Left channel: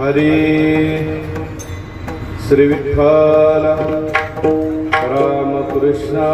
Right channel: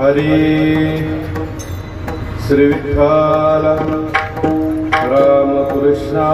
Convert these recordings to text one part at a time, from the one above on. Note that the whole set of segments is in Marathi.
हरी श्री विठ्ठल रामकृष्ण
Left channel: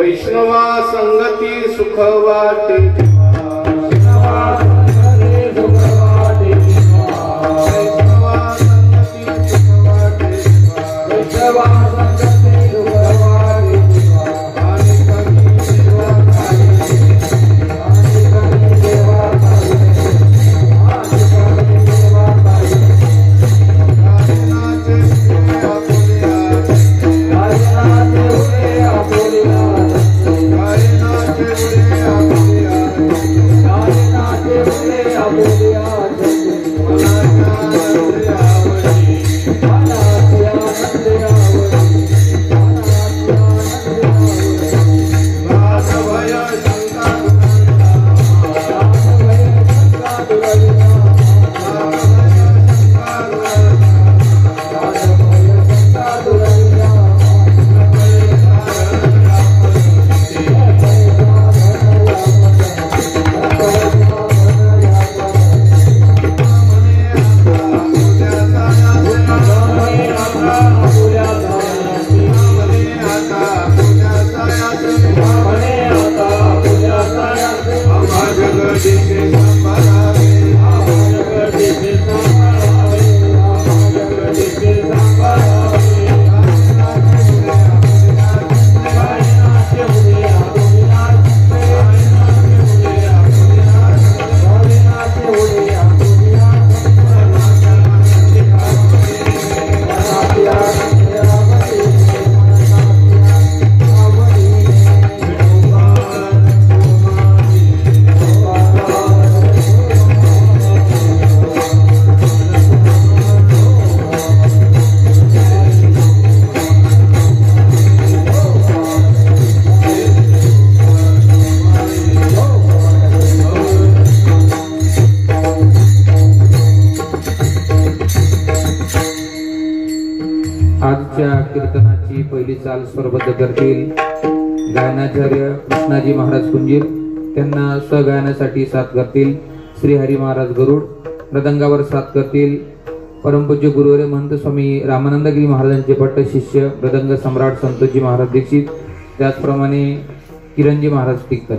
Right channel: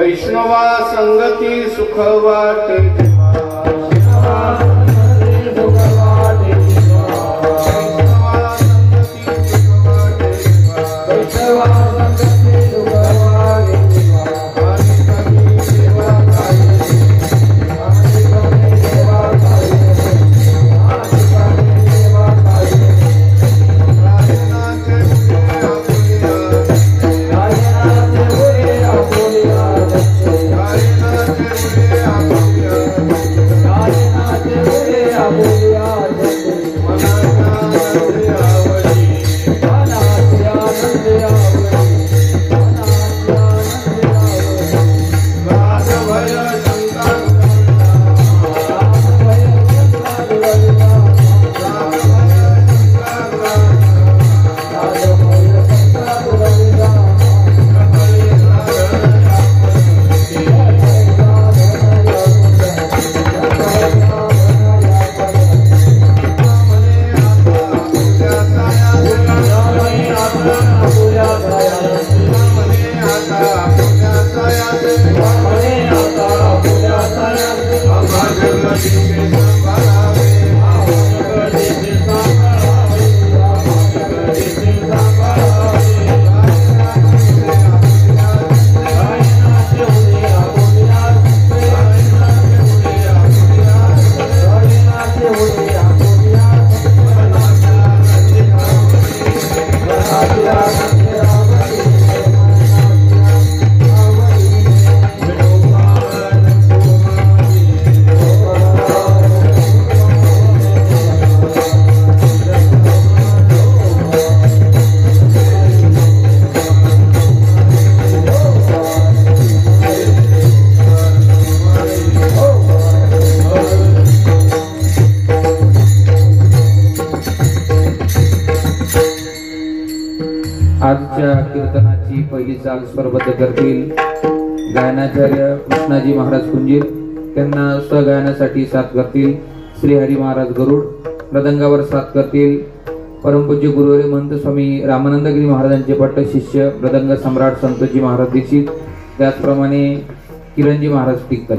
वैष्णवा संगती सुख वाटे वैष्णवा संगती सुख वाटे आजच्या कीर्तनाची पहिली चाल स्वरबद्ध करतील गायनाचार्य कृष्णाजी महाराज कुंजीर, त्यांना सहगायनासाठी साथ करतील श्री हरी महाराज गरुड, मृदंगावर साथ करतील परमपूज्य गुरुवर्य महंत स्वामी रामानंदगिरी महाराजांचे पट्ट शिष्य मृदंग सम्राट संतोजी महाराज दीक्षित, त्याचप्रमाणे किरणजी महाराज तिक्कल.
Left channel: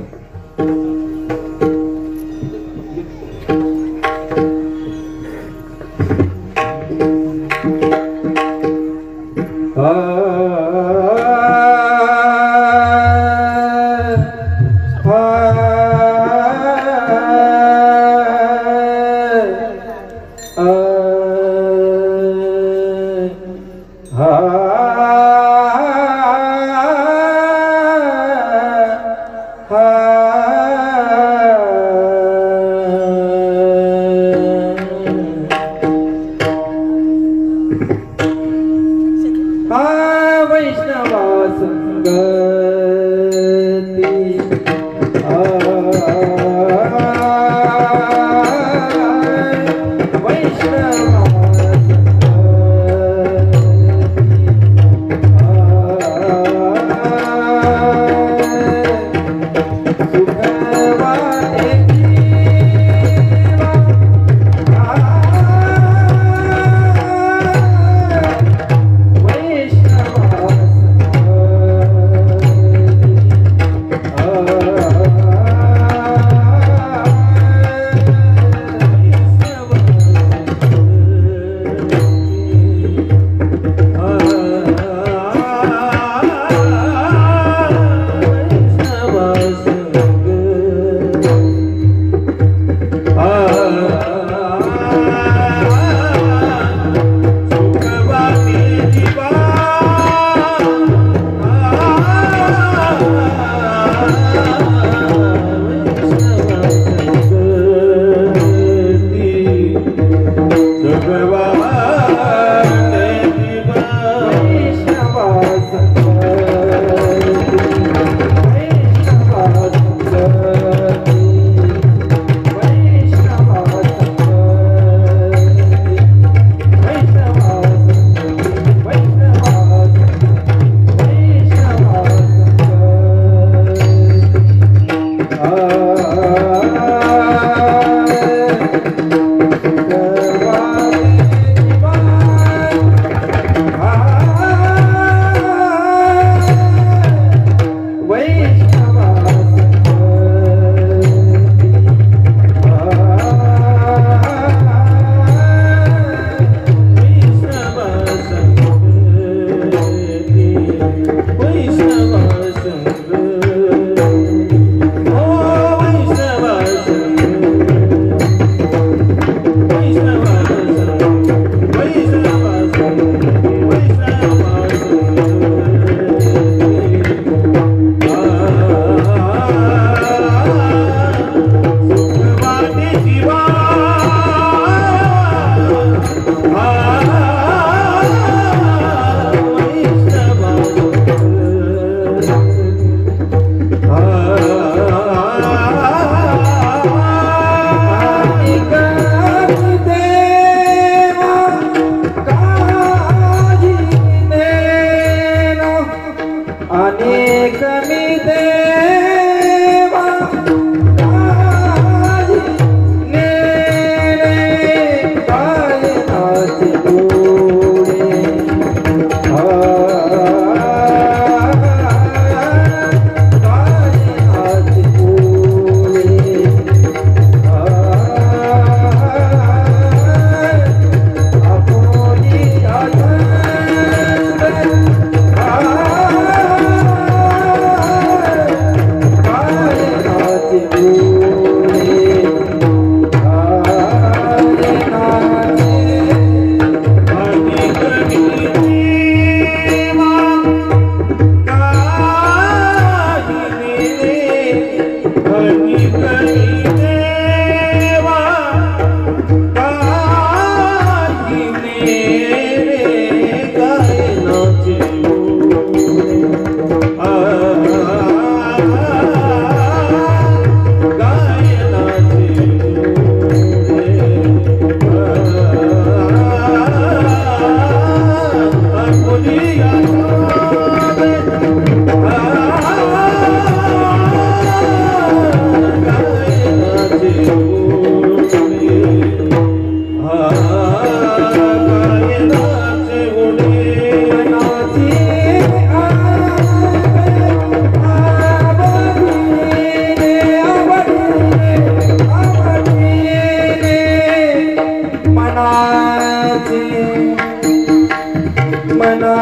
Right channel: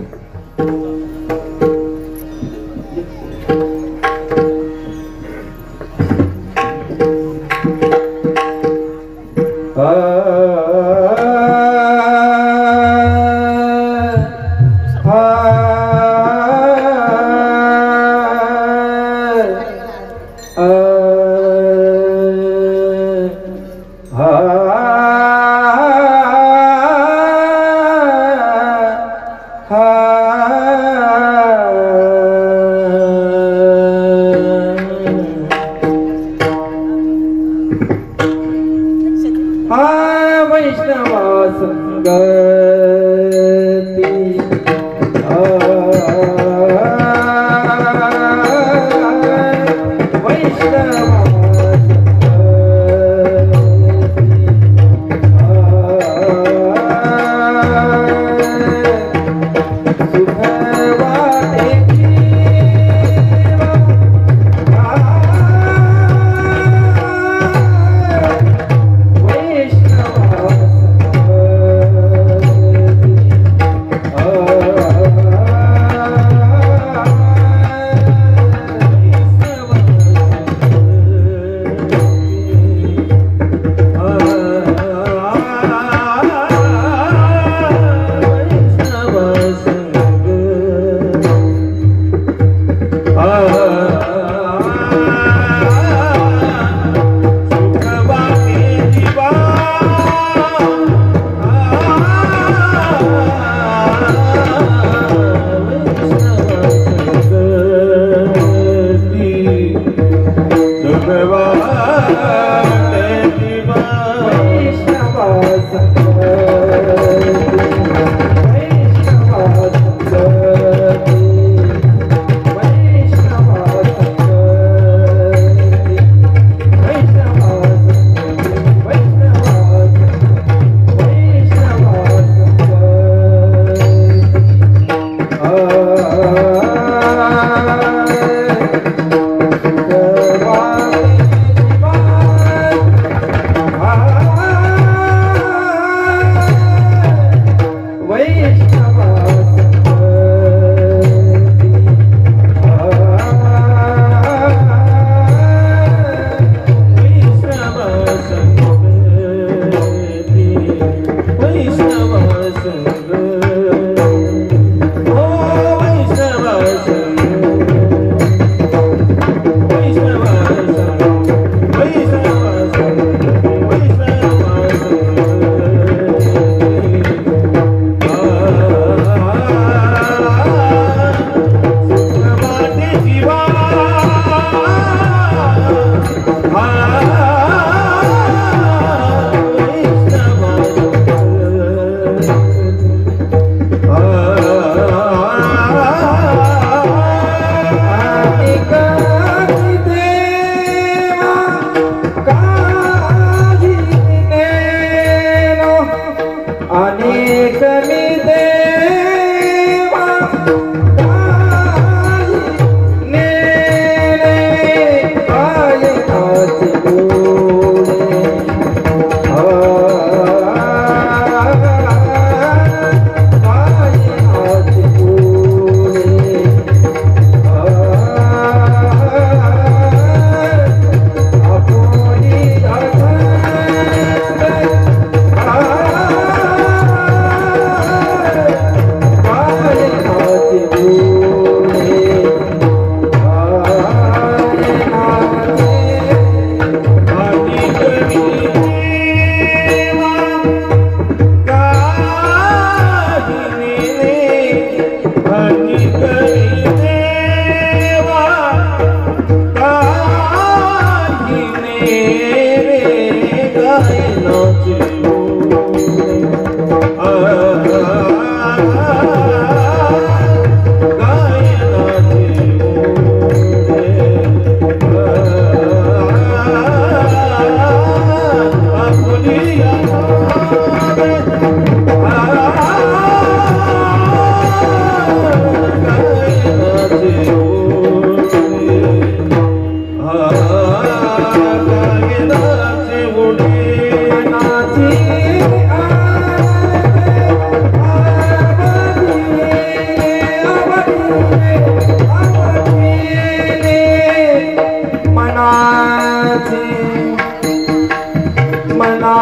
Bye.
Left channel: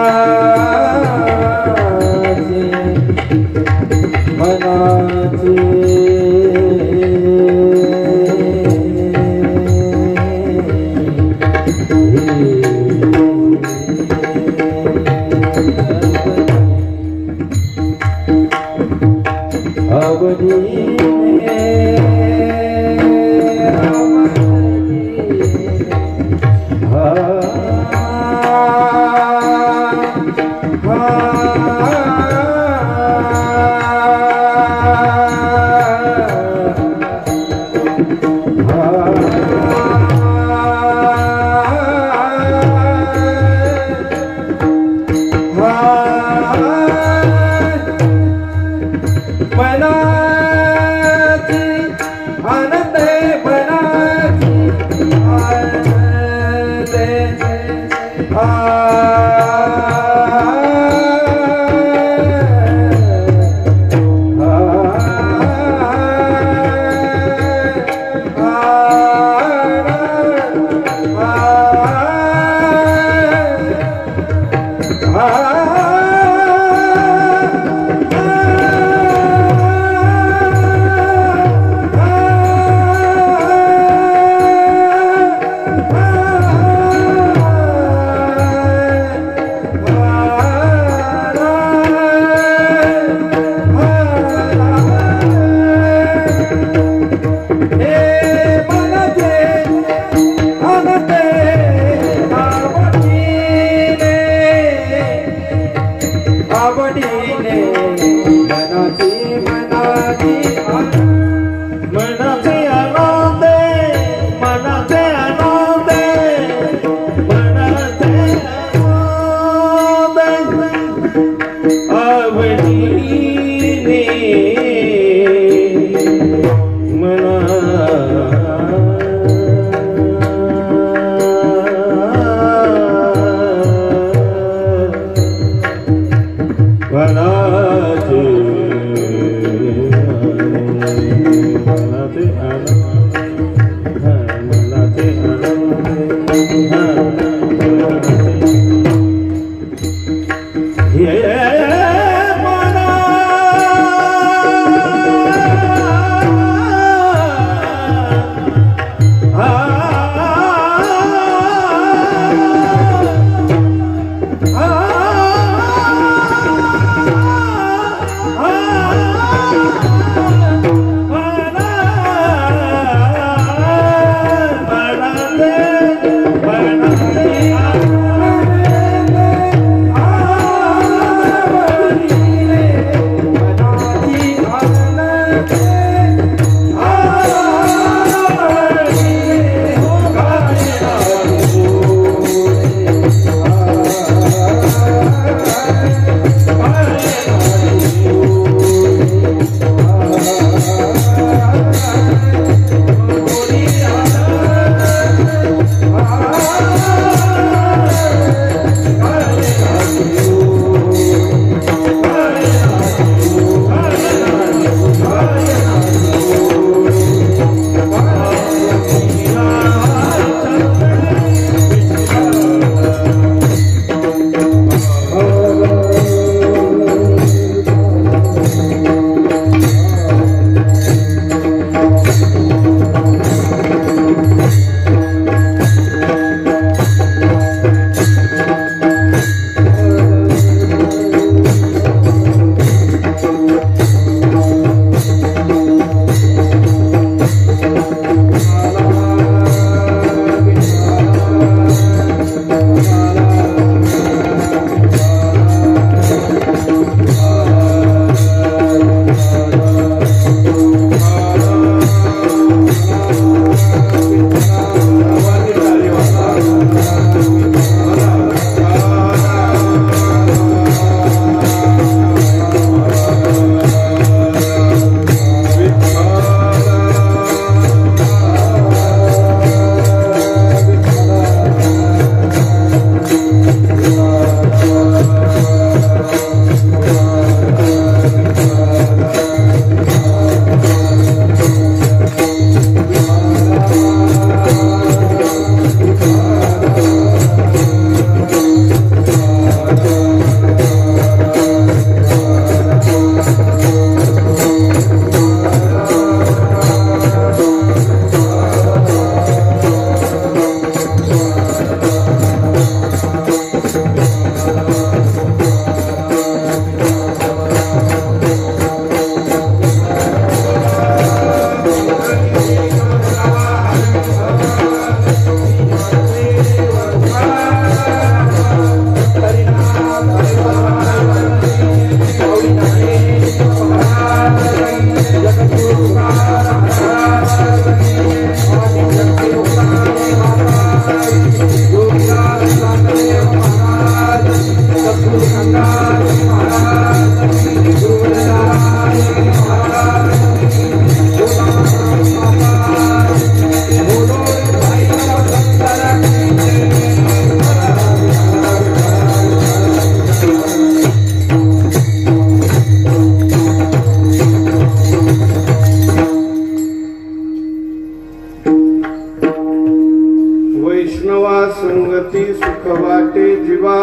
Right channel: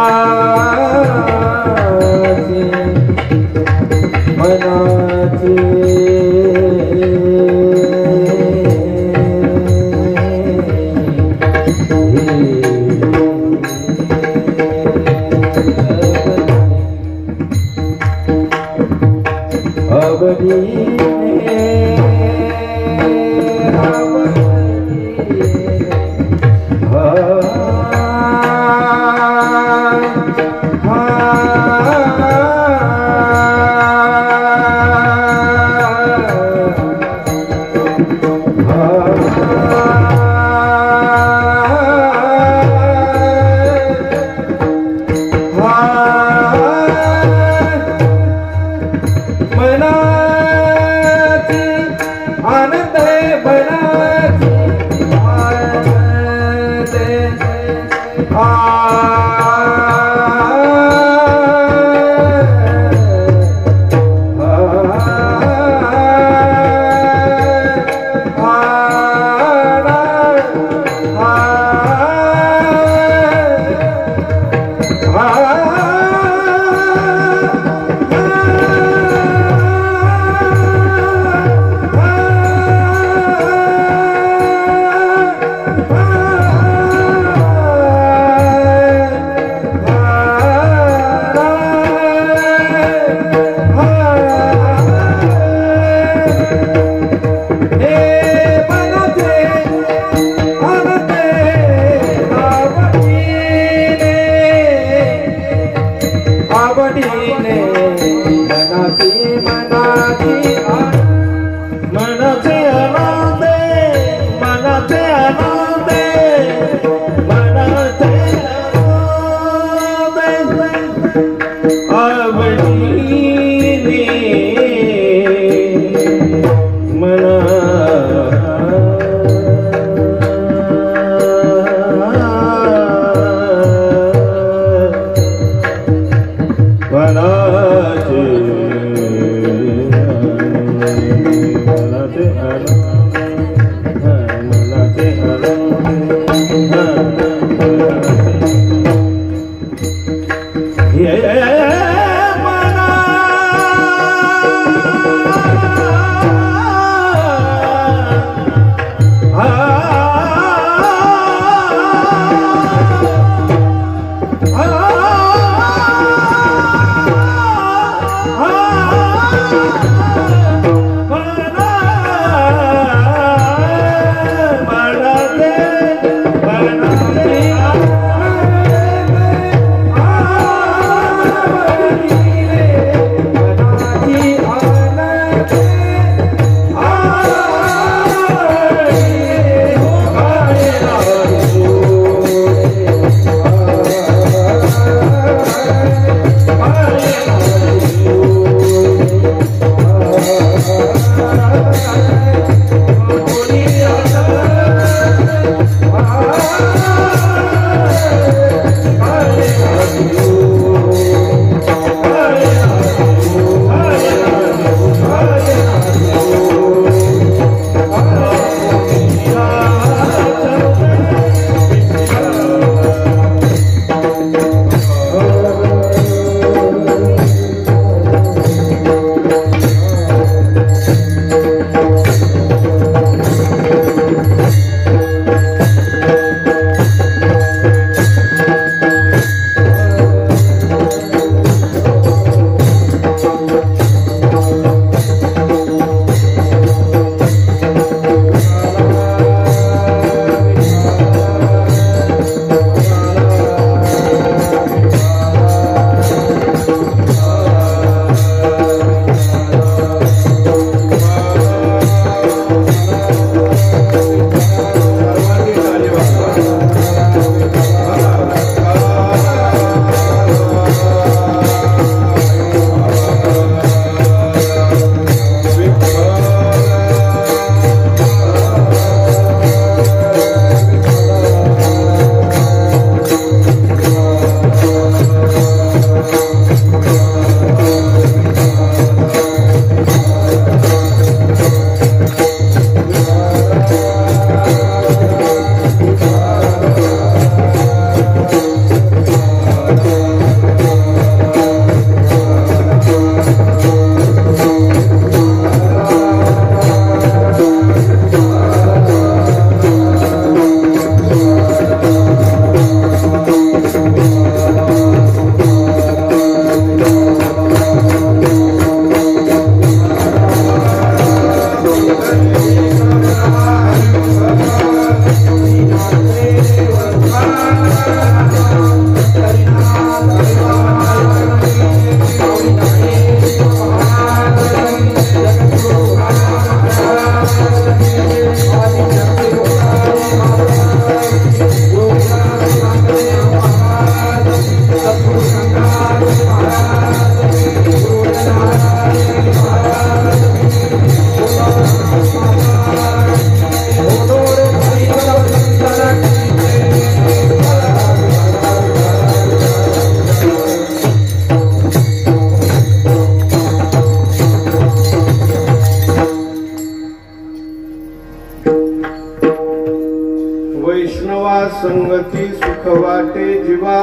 संगती सुख वाटे जीवा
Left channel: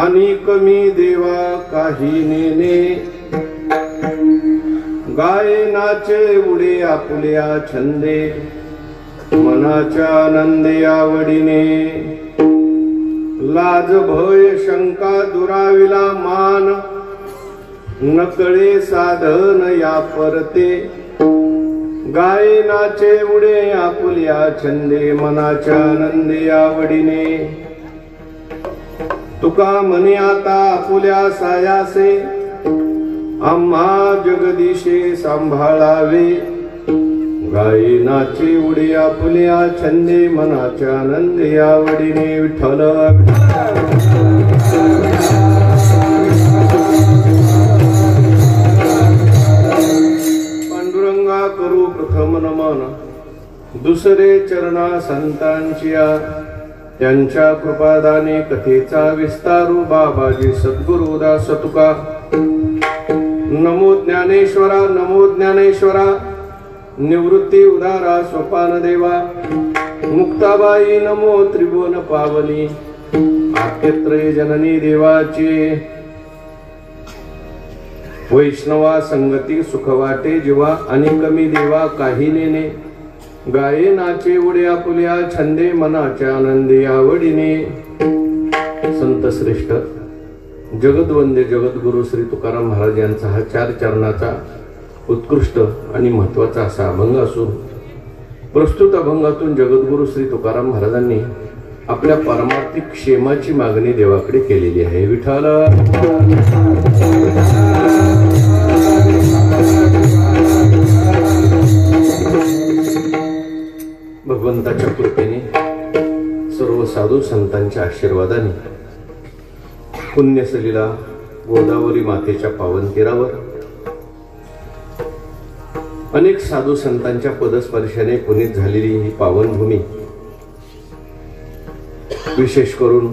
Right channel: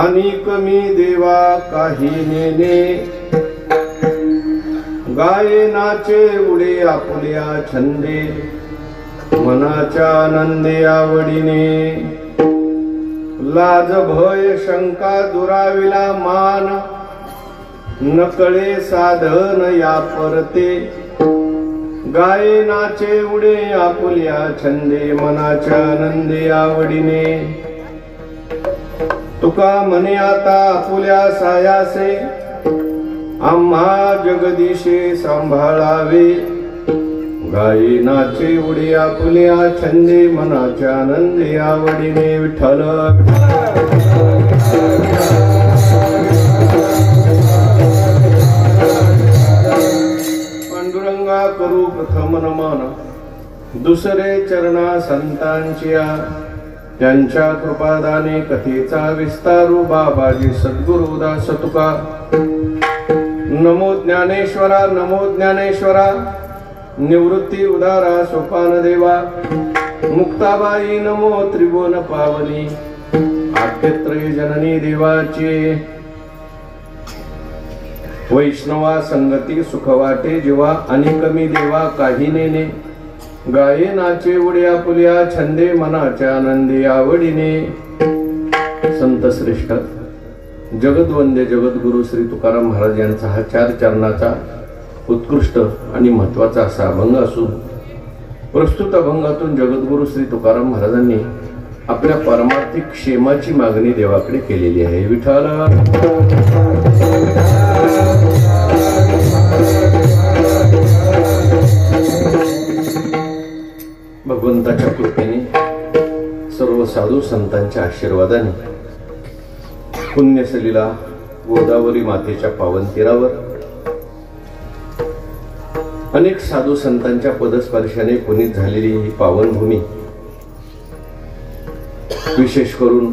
आणि कमी देवा काही नेने गाये नाचे उडे आपुल्या छंदे मनाच्या आनंदे आवडीने लाज भय शंका दुराविला मान नकळे साधन या परते गाई नाचे उडे आपुल्या छंदे मनाच्या आनंदे आवडीने तुका म्हणे आता आपुल्या सायासे आम्हा जगदीशे सांभाळावे गाई नाचे उडे आपुल्या छंदे मनाच्या आनंदे आवडीने विठ्ठल पांडुरंगा करू प्रथम नमन दुसरे चरणा संतांच्या त्यांच्या कृपादाने कथेचा विस्तारू बाबाजी सद्गुरु दास तुका नमो ज्ञानेश्वरा नमो ज्ञानेश्वरा निवृत्ती उदारा सोपान देवा मुक्ताबाई नमो त्रिभुवन पावनी आद्यत्रय जननी देवाचे वैष्णवा संगती सुख वाटे जीवा आणि कमी देवा काही नेने गाये नाचे उड्या पुल्या छंदे मनाच्या आनंदी आवडीने संत श्रेष्ठ जगद्वंदे जगद्गुरु श्री तुकाराम महाराज यांचा हा 4 चरणाचा उत्कृष्ट आणि महत्वाचा असा अभंग असून प्रस्तुत अभंगातून जगद्गुरु श्री तुकाराम महाराजांनी आपल्या परमार्थिक क्षेमाची मागणी देवाकडे केलेली आहे. विठ्ठल भगवंताच्या कृपेने सर्व साधू संतांच्या आशीर्वादाने पुण्यसलीला गोदावरी मातेच्या पावन तीरावर अनेक साधू संतांच्या पदस्पर्शाने पुनीत झालेली ही पावन भूमी, विशेष करून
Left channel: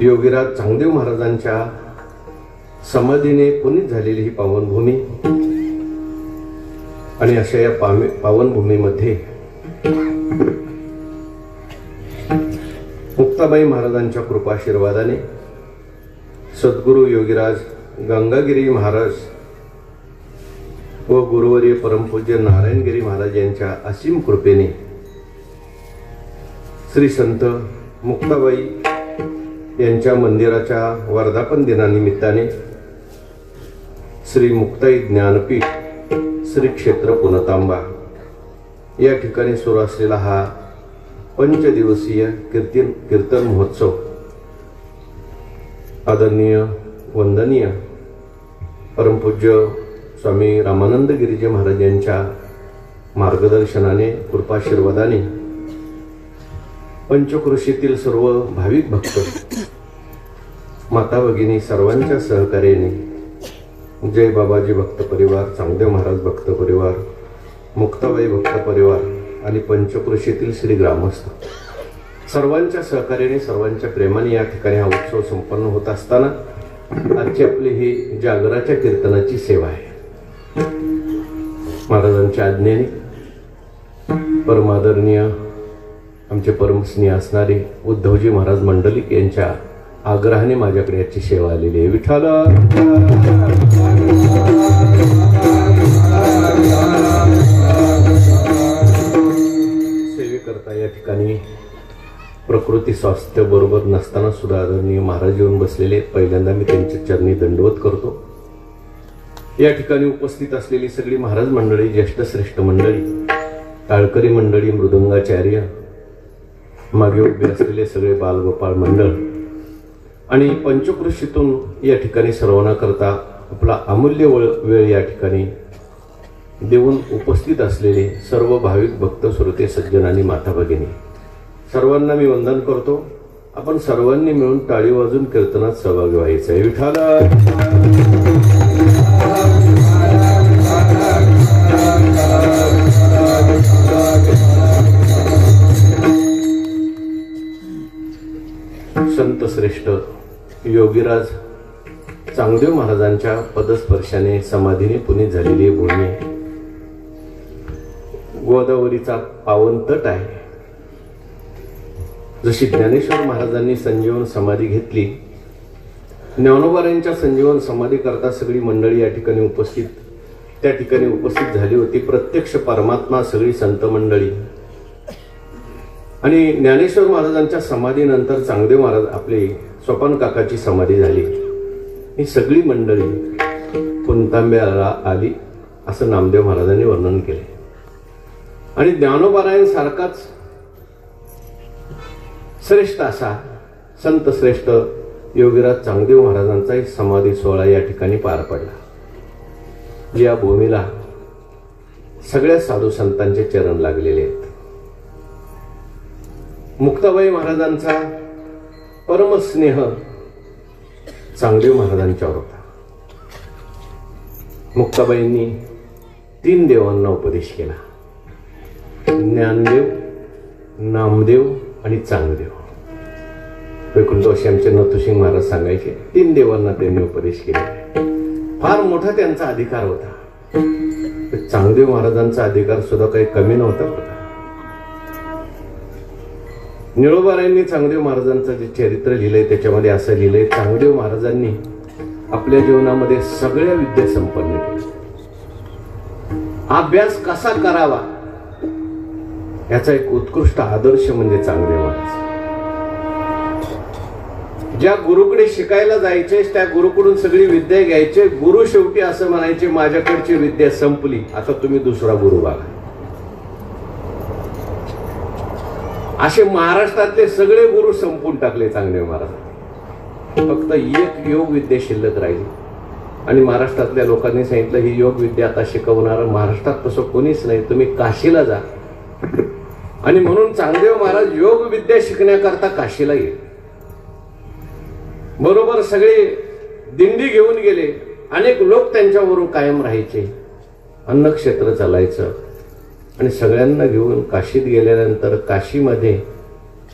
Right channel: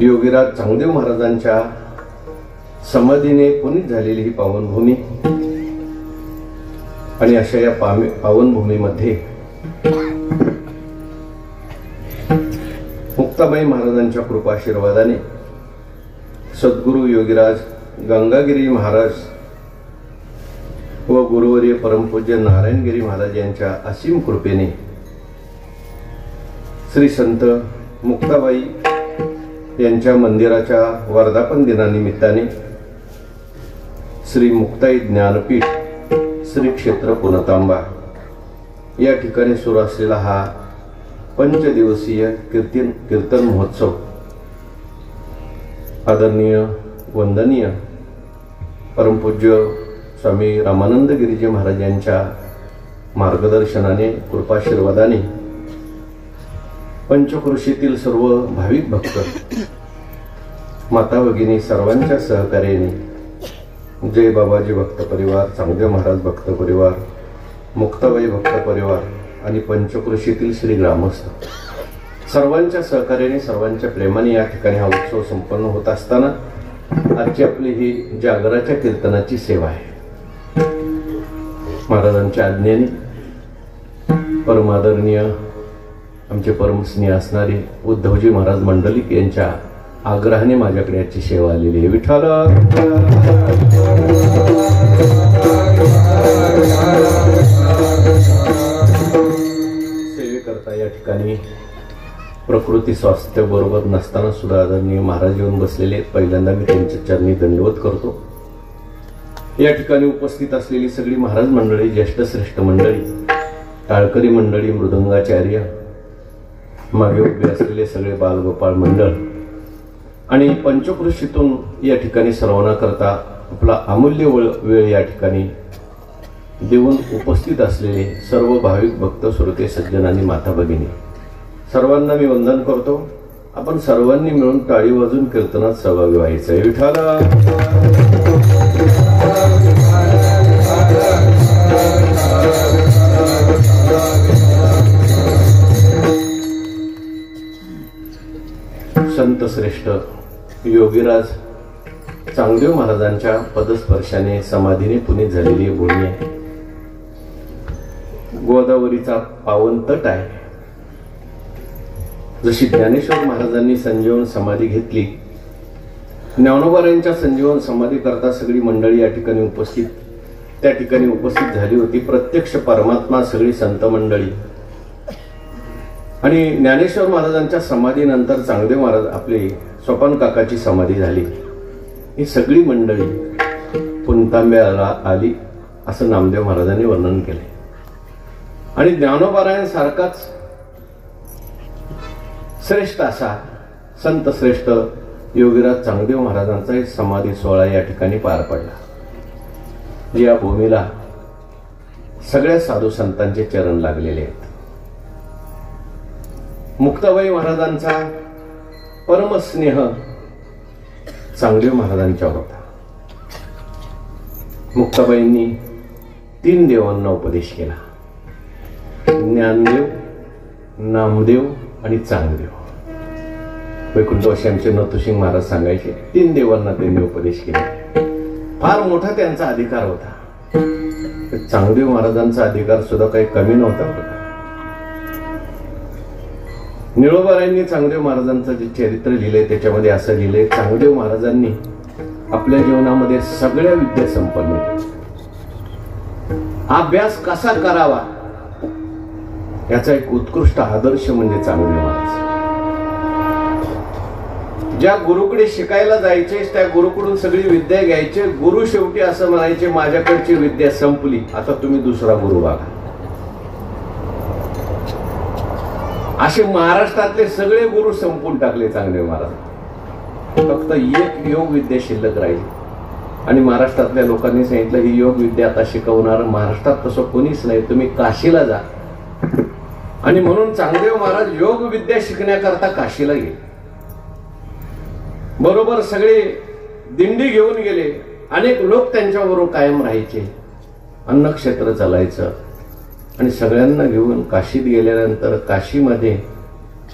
योगीराज चांगदेव महाराजांच्या समाधीने पुनीत झालेली ही पावन भूमी आणि अशा या पावन भूमीमध्ये मुक्ताबाई महाराजांच्या कृपाशीर्वादाने सद्गुरु योगीराज गंगागिरी महाराज व गुरुवर्य परमपूज्य नारायणगिरी महाराज यांच्या असीम कृपेने श्री संत मुक्ताबाई यांच्या मंदिराच्या वर्धापन दिनानिमित्ताने श्री मुक्ताई ज्ञानपीठ श्री क्षेत्र पुनतांबा या ठिकाणी सुरू असलेला हा पंचदिवसीय कीर्तन महोत्सव आदरणीय वंदनीय परमपूज्य स्वामी रामानंद गिरीजी महाराज यांच्या मार्गदर्शनाने कृपाशीर्वादाने पंचक्रोशीतील सर्व भाविक भक्त माता भगिनी सर्वांच्या सहकार्याने जय बाबाजी भक्त परिवार, चांगदेव महाराज भक्त परिवार, मुक्ताबाई भक्त परिवार आणि पंचक्रोशीतील श्री ग्रामस्थ सर्वांच्या सहकार्याने सर्वांच्या प्रेमाने या ठिकाणी हा उत्सव संपन्न होत असताना आजची आपली ही जागराच्या कीर्तनाची सेवा आहे. महाराजांच्या आज्ञेने परमादरणीय आमचे परमस्नेह असणारे उद्धवजी महाराज मंडलिक यांच्या आग्रहाने माझ्याकडे याची सेवा आलेली आहे. विठ्ठल सेवेकरता या ठिकाणी प्रकृती स्वास्थ्य बरोबर नसताना सुद्धा आदरणीय महाराज येऊन बसलेले आहेत. पहिल्यांदा मी त्यांच्या चरणी दंडवत करतो. या ठिकाणी उपस्थित असलेली सगळी महाराज मंडळी, ज्येष्ठ श्रेष्ठ मंडळी, टाळकरी मंडळी, मृदंगाचार्य, मागे उभे असलेले सगळे बालगोपाळ मंडळ आणि पंचकृषीतून या ठिकाणी सर्वांना करता आपला अमूल्य वेळ या ठिकाणी देऊन उपस्थित असलेले सर्व भाविक भक्त, श्रोते, सज्जन आणि माता भगिनी, सर्वांना मी वंदन करतो. आपण सर्वांनी मिळून टाळी वाजून कीर्तनात सहभागी व्हायचं आहे. विठ्ठल संत श्रेष्ठ योगीराज चांगदेव महाराजांच्या पदस्पर्शाने समाधीने पुनीत झालेली भूमी आहे. गोदावरीचा पावन तट आहे. जशी ज्ञानेश्वर महाराजांनी संजीवन समाधी घेतली, ज्ञानोबारायांच्या संजीवन समाधी करता सगळी मंडळी या ठिकाणी त्या ठिकाणी उपस्थित झाली होती. प्रत्यक्ष परमात्मा, सगळी संत मंडळी आणि ज्ञानेश्वर महाराजांच्या समाधीनंतर चांगदेव महाराज आपले सोपान काकाची समाधी झाली. ही सगळी मंडळी पुणतांब्याला आली असं नामदेव महाराजांनी वर्णन केले. आणि ज्ञानोबारायांसारखाच श्रेष्ठ असा संत श्रेष्ठ योगीराज चांगदेव महाराजांचा एक समाधी सोहळा या ठिकाणी पार पडला. या भूमीला सगळ्या साधू संतांचे चरण लागलेले आहेत. मुक्ताबाई महाराजांचा परमस्नेह चांगदेव महाराजांच्यावर होता. मुक्ताबाईंनी 3 देवांना उपदेश केला: ज्ञानदेव, नामदेव आणि चांगदेव. वैकुंठवासी आमचे नथुसिंग महाराज सांगायचे 3 देवांना त्यांनी उपदेश केले. फार मोठा त्यांचा अधिकार होता. चांगदेव महाराजांचा अधिकार सुद्धा काही कमी नव्हता. निळोबारायांनी चांगदेव महाराजांचं जे चरित्र लिहिलंय त्याच्यामध्ये असं लिहिलंय: चांगदेव महाराजांनी आपल्या जीवनामध्ये सगळ्या विद्या संपन्न केल्या. अभ्यास कसा करावा याचा एक उत्कृष्ट आदर्श म्हणजे चांगदेव महाराज. ज्या गुरुकडे शिकायला जायचे त्या गुरुकडून सगळी विद्या घ्यायचे. गुरु शेवटी असं म्हणायचे, माझ्याकडची विद्या संपली, आता तुम्ही दुसरा गुरु बघा. असे महाराष्ट्रातले सगळे गुरु संपून टाकले चांगदेव महाराज. फक्त एक योग विद्या शिल्लक राहिली आणि महाराष्ट्रातल्या लोकांनी सांगितलं, ही योग विद्या आता शिकवणार महाराष्ट्रात तसं कोणीच नाही, तुम्ही काशीला जा. आणि म्हणून चांगदेव महाराज योग विद्या शिकण्याकरता काशीला गेले. बरोबर सगळे दिंडी घेऊन गेले. अनेक लोक त्यांच्याबरोबर कायम राहायचे. अन्नक्षेत्र चालायचं आणि सगळ्यांना घेऊन काशीत गेल्यानंतर काशीमध्ये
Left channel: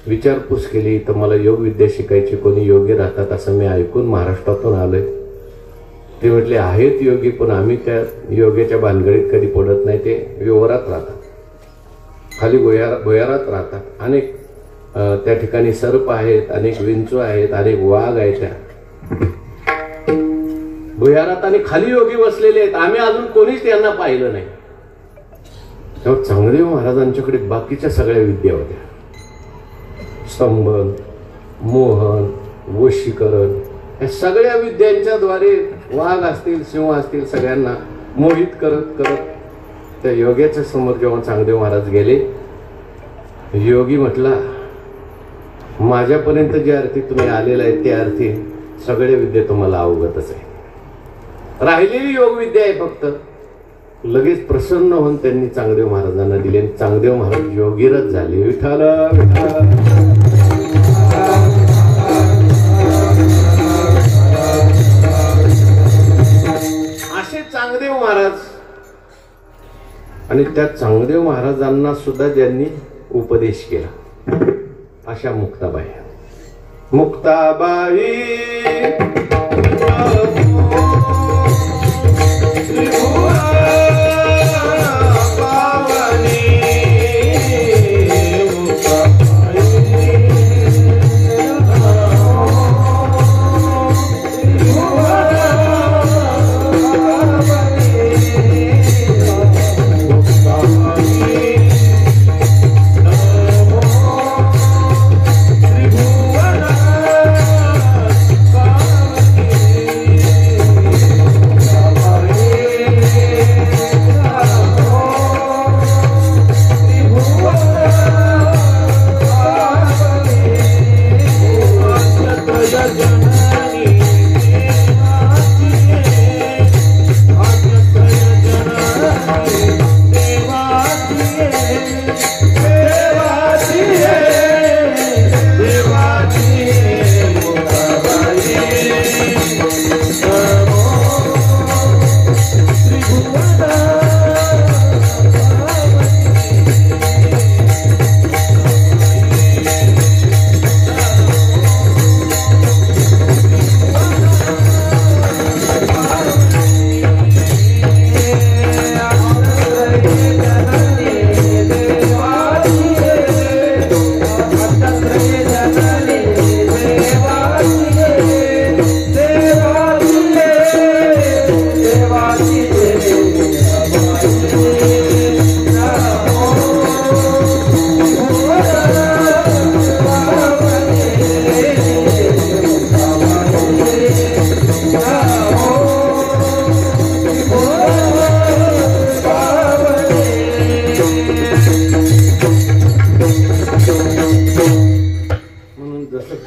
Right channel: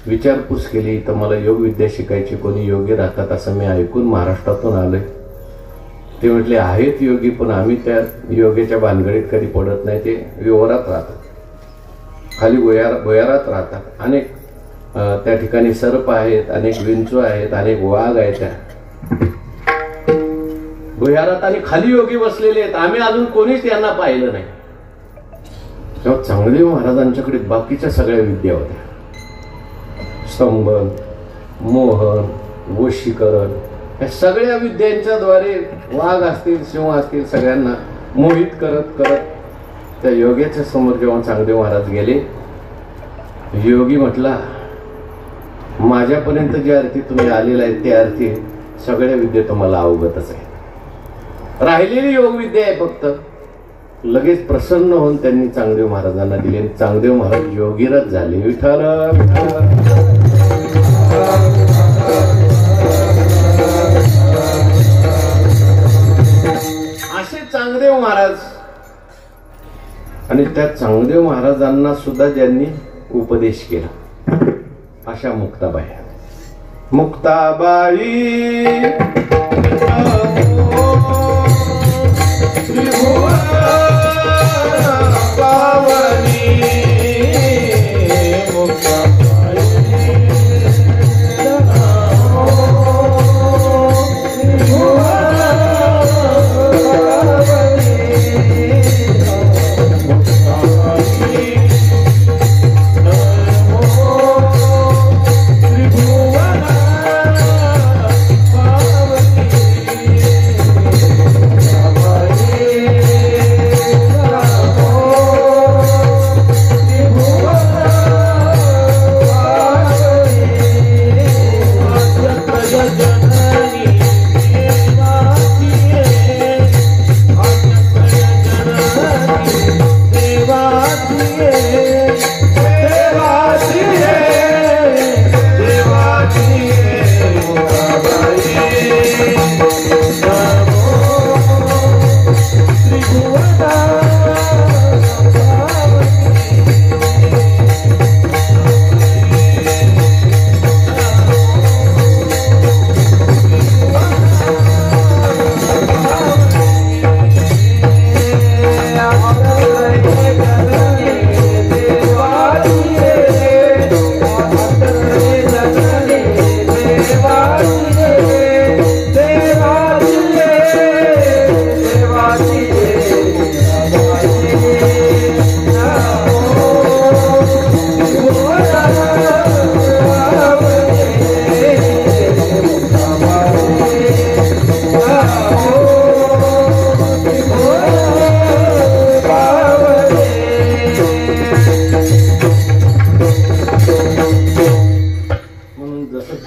विचारपूस केली तर मला योग विद्या शिकायची, कोणी योगी राहतात असं मी ऐकून महाराष्ट्रातून आलोय. ते म्हटले आहेत योगी, पण आम्ही त्या योग्याच्या भानगडीत कधी पडत नाही. ते व्यवहारात राहतात, खाली भुयारात राहतात. अनेक त्या ठिकाणी सर्प आहेत, अनेक विंचू आहेत, अनेक वाघ आहेत. त्या भुयारात आणि खाली योगी बसलेले आहेत. आम्ही अजून कोणीच त्यांना पाहिलं नाही. तेव्हा चांगदेव महाराजांच्याकडे बाकीच्या सगळ्या विद्या होत्या. स्तंभन, मोहन, वशीकरण, या सगळ्या विद्यांच्या द्वारे वाघ असतील, सिंह असतील, सगळ्यांना मोहित करत करत त्या योग्याच्या समोर जेव्हा चांगदेव महाराज गेले, योगी म्हटला, माझ्यापर्यंत जे अर्थी तुम्ही आलेला आहे त्या अर्थी सगळ्या विद्या तुम्हाला अवगतच आहे. राहिलेली योग विद्या आहे फक्त. लगेच प्रसन्न होऊन त्यांनी चांगदेव महाराजांना दिले. चांगदेव महाराज योगीराज झाले. विठ्ठल असे चांगदेव महाराज. आणि त्या चांगदेव महाराजांना सुद्धा ज्यांनी उपदेश केला अशा मुक्ताबाई. मुक्ताबाई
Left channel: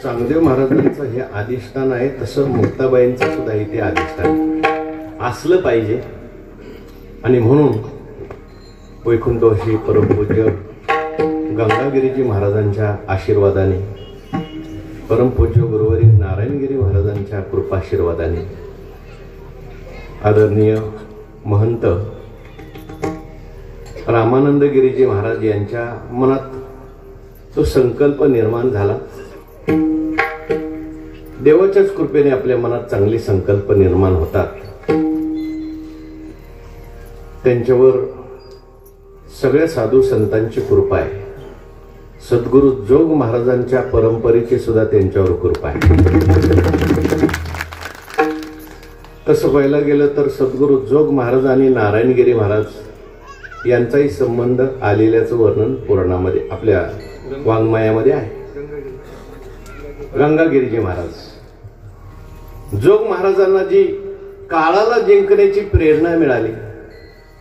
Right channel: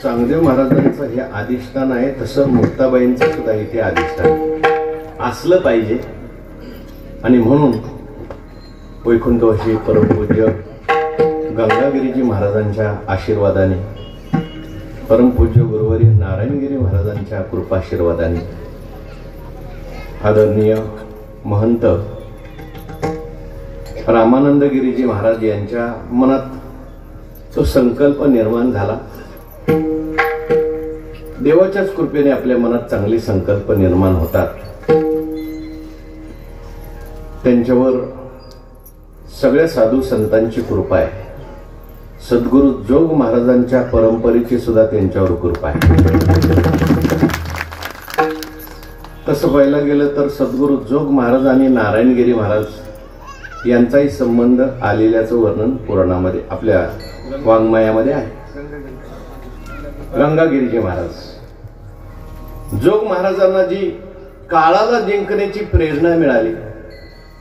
चांगदेव महाराजांचं हे अधिष्ठान आहे, तसं मुक्ताबाईंचं सुद्धा इथे अधिष्ठान असलं पाहिजे. आणि म्हणून वैकुंठवासी परमपूज्य गंगागिरीजी महाराजांच्या आशीर्वादाने, परमपूज्य गुरुवारी नारायणगिरी महाराजांच्या कृपाशीर्वादाने, आदरणीय महंत रामानंदगिरीजी महाराज यांच्या मनात तो संकल्प निर्माण झाला. देवाच्याच कृपेने आपल्या मनात चांगले संकल्प निर्माण होतात. त्यांच्यावर सगळ्या साधू संतांची कृपा आहे. सद्गुरु जोग महाराजांच्या परंपरेची सुद्धा त्यांच्यावर कृपा आहे. तसं पाहायला गेलं तर सद्गुरु जोग महाराज आणि नारायणगिरी महाराज यांचाही संबंध आलेल्याचं वर्णन पुराणामध्ये आपल्या वाङ्मयामध्ये आहे. गंगागिरीजी महाराज जोग महाराजांना जी काळाला जिंकण्याची प्रेरणा मिळाली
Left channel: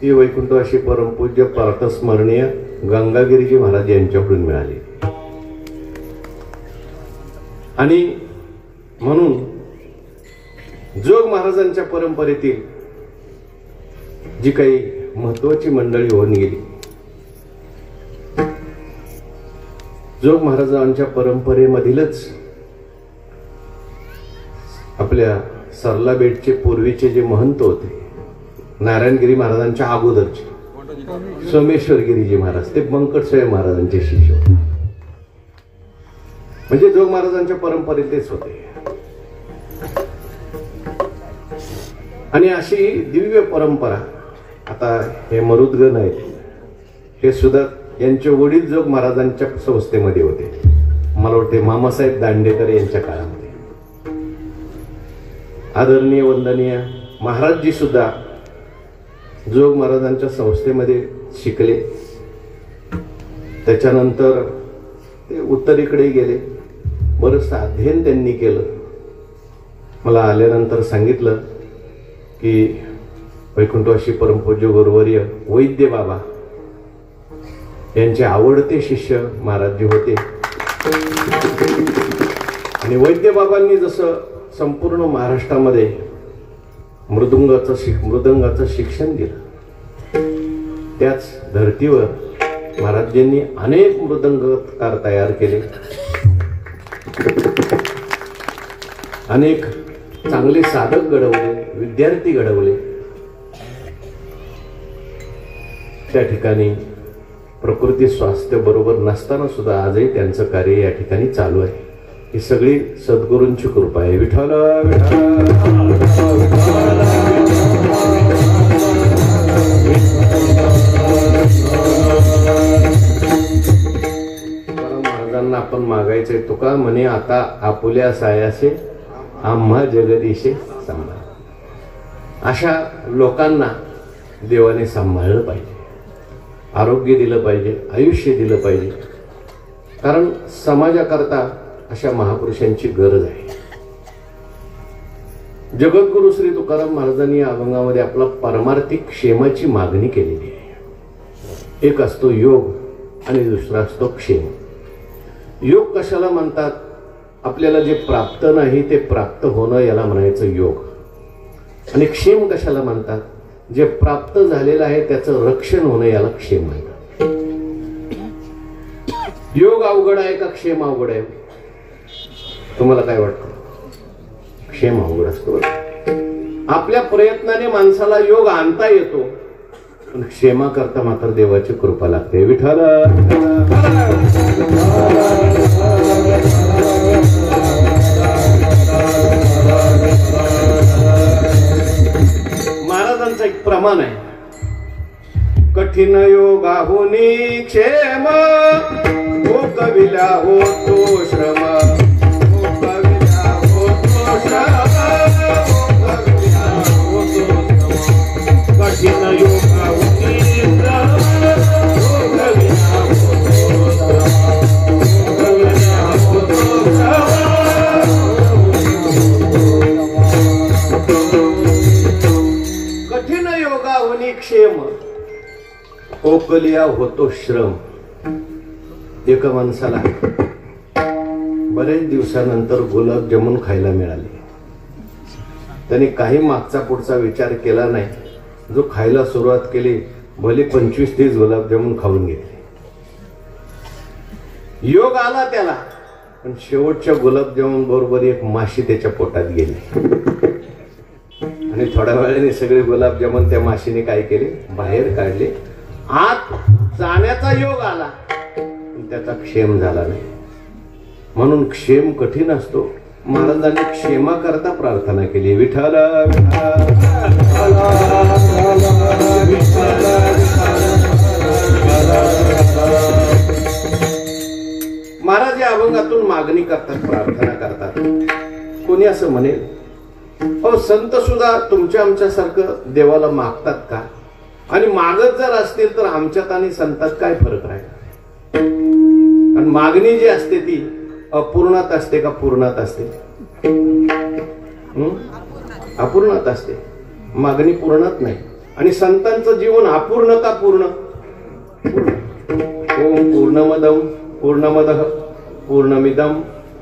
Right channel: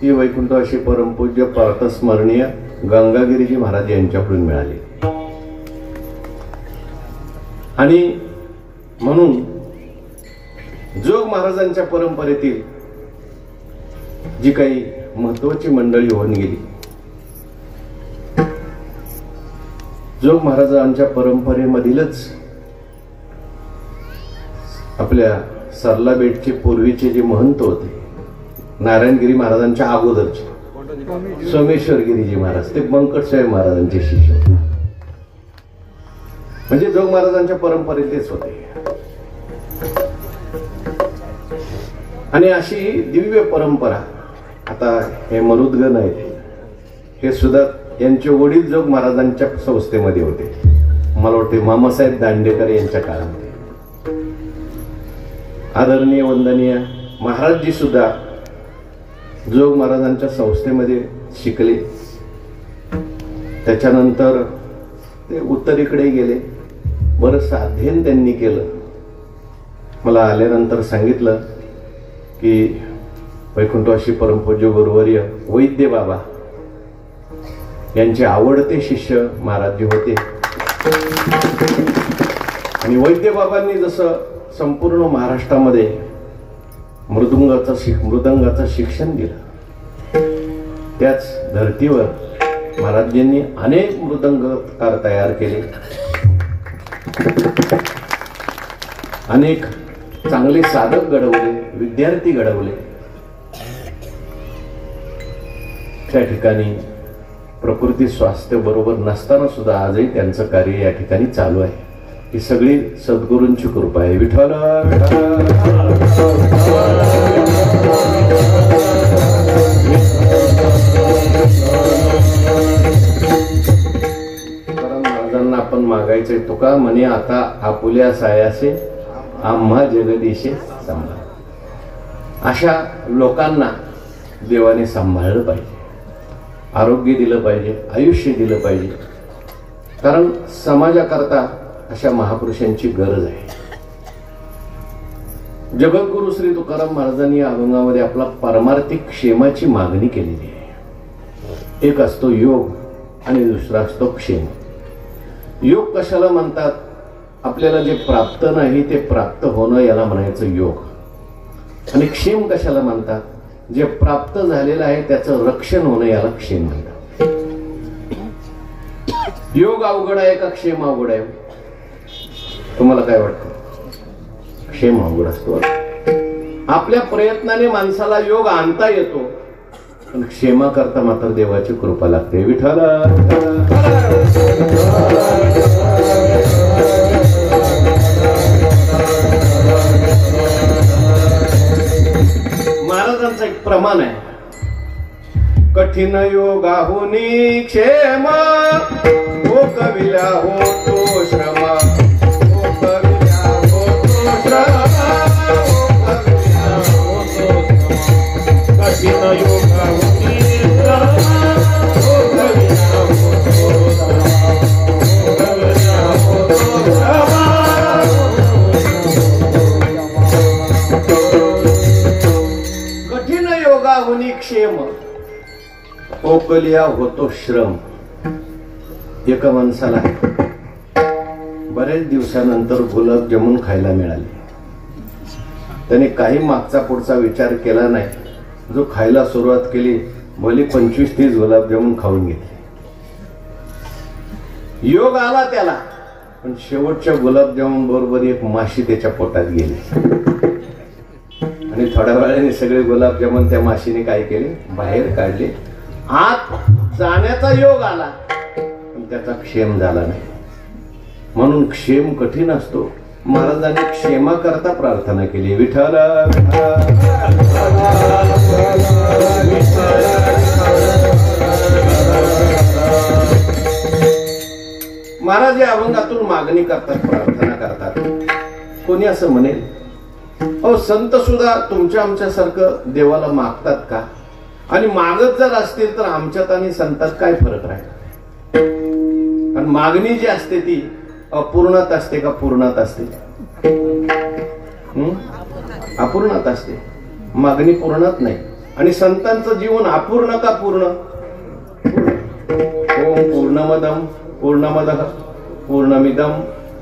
ती वैकुंठवासी परमपूज्य पार्थस्मरणीय गंगागिरीजी महाराज यांच्याकडून मिळाली. आणि म्हणून जोग महाराजांच्या परंपरेतील जी काही महत्वाची मंडळी होऊन गेली, जोग महाराजांच्या परंपरेमधीलच आपल्या सरला बेटचे पूर्वीचे जे महंत होते, नारायणगिरी महाराजांच्या अगोदरचे सोमेश्वरगिरीजी महाराज, ते बंकटस्वामी महाराजांचे शिष्य होते. म्हणजे जोग महाराजांच्या परंपरेतलेच होते. आणि अशी दिव्य परंपरा, आता हे मरुदगण आहेत, हे सुद्धा यांचे वडील जोग महाराजांच्या संस्थेमध्ये होते. मला वाटते मामासाहेब दांडेकर यांच्या काळामध्ये. आदरणीय वंदनीय महाराजजी सुद्धा जोग महाराजांच्या संस्थेमध्ये शिकले. त्याच्यानंतर ते उत्तरेकडे गेले, बरंचसं अध्ययन त्यांनी केलं. मला आल्यानंतर सांगितलं की वैकुंठवासी परमपूज्य गुरुवर्य वैद्य बाबा यांचे आवडते शिष्य महाराजजी होते. आणि वैद्य बाबांनी जसं संपूर्ण महाराष्ट्रामध्ये मृदंगाचं शिक्षण दिलं, त्याच धर्तीवर महाराजांनी अनेक मृदंगकार तयार केले. अनेक चांगले साधक घडवले, विद्यार्थी घडवले. त्या ठिकाणी प्रकृती स्वास्थ्य बरोबर नसताना सुद्धा आजही त्यांचं कार्य या ठिकाणी चालू आहे. ही सगळी सद्गुरूंची कृपा आहे. विठ्ठल महाराजांना आपण मागायचंय, तुका म्हणे आता आपुल्या सायासे आम्हा जगदीशे सांभाळ. अशा लोकांना देवाने सांभाळलं पाहिजे, आरोग्य दिलं पाहिजे, आयुष्य दिलं पाहिजे. कारण समाजाकरता अशा महापुरुषांची गरज आहे. जगद्गुरु श्री तुकाराम महाराजांनी या अभंगामध्ये आपला पारमार्थिक क्षेमाची मागणी केलेली आहे. एक असतो योग आणि दुसरा असतो क्षेम. योग कशाला म्हणतात? आपल्याला जे प्राप्त नाही ते प्राप्त होणं याला म्हणायचं योग. आणि क्षेम कशाला म्हणतात? जे प्राप्त झालेलं आहे त्याचं रक्षण होणं याला क्षेम म्हणतात. योग अवघड आहे का क्षेम अवघड आहे? तुम्हाला काय वाटतं? क्षेम अवघड असतो. आपल्या प्रयत्नाने माणसाला योग आणता येतो, पण क्षेमा करता मात्र देवाची कृपा लागते. विठ्ठल महाराजांचा एक प्रमाण आहे, कठीण योगाहुनी क्षेम, हो कविला होतो श्रम, हो कविला होतो श्रम, कठीण योगाहुनी क्षेम, ओकलिया होतो श्रम. एका माणसाला बरेच दिवसानंतर गुलाबजामुन खायला मिळाले. त्याने काही मागचा पुढचा विचार केला नाही. जो खायला सुरुवात केली भली 25-30 गुलाबजामुन खाऊन घेतले. योग आला त्याला, पण शेवटच्या गुलाबजामुन बरोबर एक माशी त्याच्या पोटात गेली आणि थोड्या वेळाने सगळे गुलाबजामुन त्या माशीने काय केले, बाहेर काढले. आत जाण्याचा योग आला पण त्याचा क्षेम झाला नाही. म्हणून क्षेम कठीण असतो. महाराजांनी क्षेमा करता प्रार्थना केली. विठ्ठल महाराज या अभंगातून मागणी करतात, प्रार्थना करतात. कोणी असं म्हणेल, अहो संत सुद्धा तुमच्या आमच्यासारखं देवाला मागतात का? आणि मागत जर असतील तर आमच्यात आणि संतात काय फरक राहील? आणि मागणी जी असते ती अपूर्णात असते का पूर्णात असते? अपूर्णात असते. मागणी पूर्णात नाही. आणि संतांचं जीवन अपूर्ण का पूर्ण? ओम पूर्णमदम पूर्णमदः पूर्णमिदम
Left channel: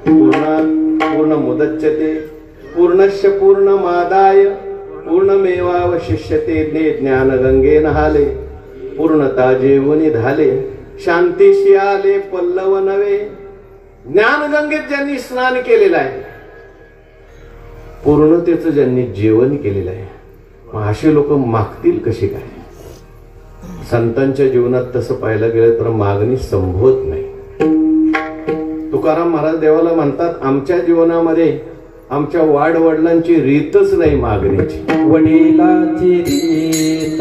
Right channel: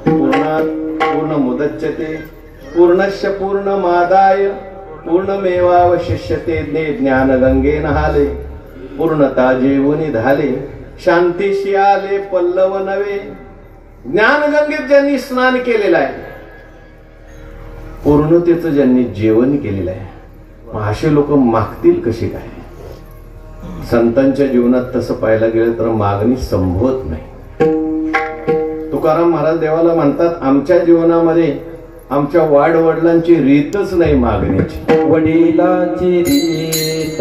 पूर्णात् पूर्णमुदच्यते पूर्णस्य पूर्णमादाय पूर्णमेवावशिष्यते. ज्ञानगंगे नहाले पूर्णता जेवणी झाले. शांतीशी आले पल्लव नवे. ज्ञानगंगेत ज्यांनी स्नान केलेलं आहे, पूर्णतेचं ज्यांनी जेवण केलेलं आहे, मग असे लोक मागतील कसे काय? संतांच्या जीवनात तसं पाहायला गेलं तर मागणी संभवत नाही. तुकाराम महाराज देवाला म्हणतात, आमच्या जीवनामध्ये आमच्या वाडवडिलांची रीतच नाही मागण्याची. वडिलांची रीत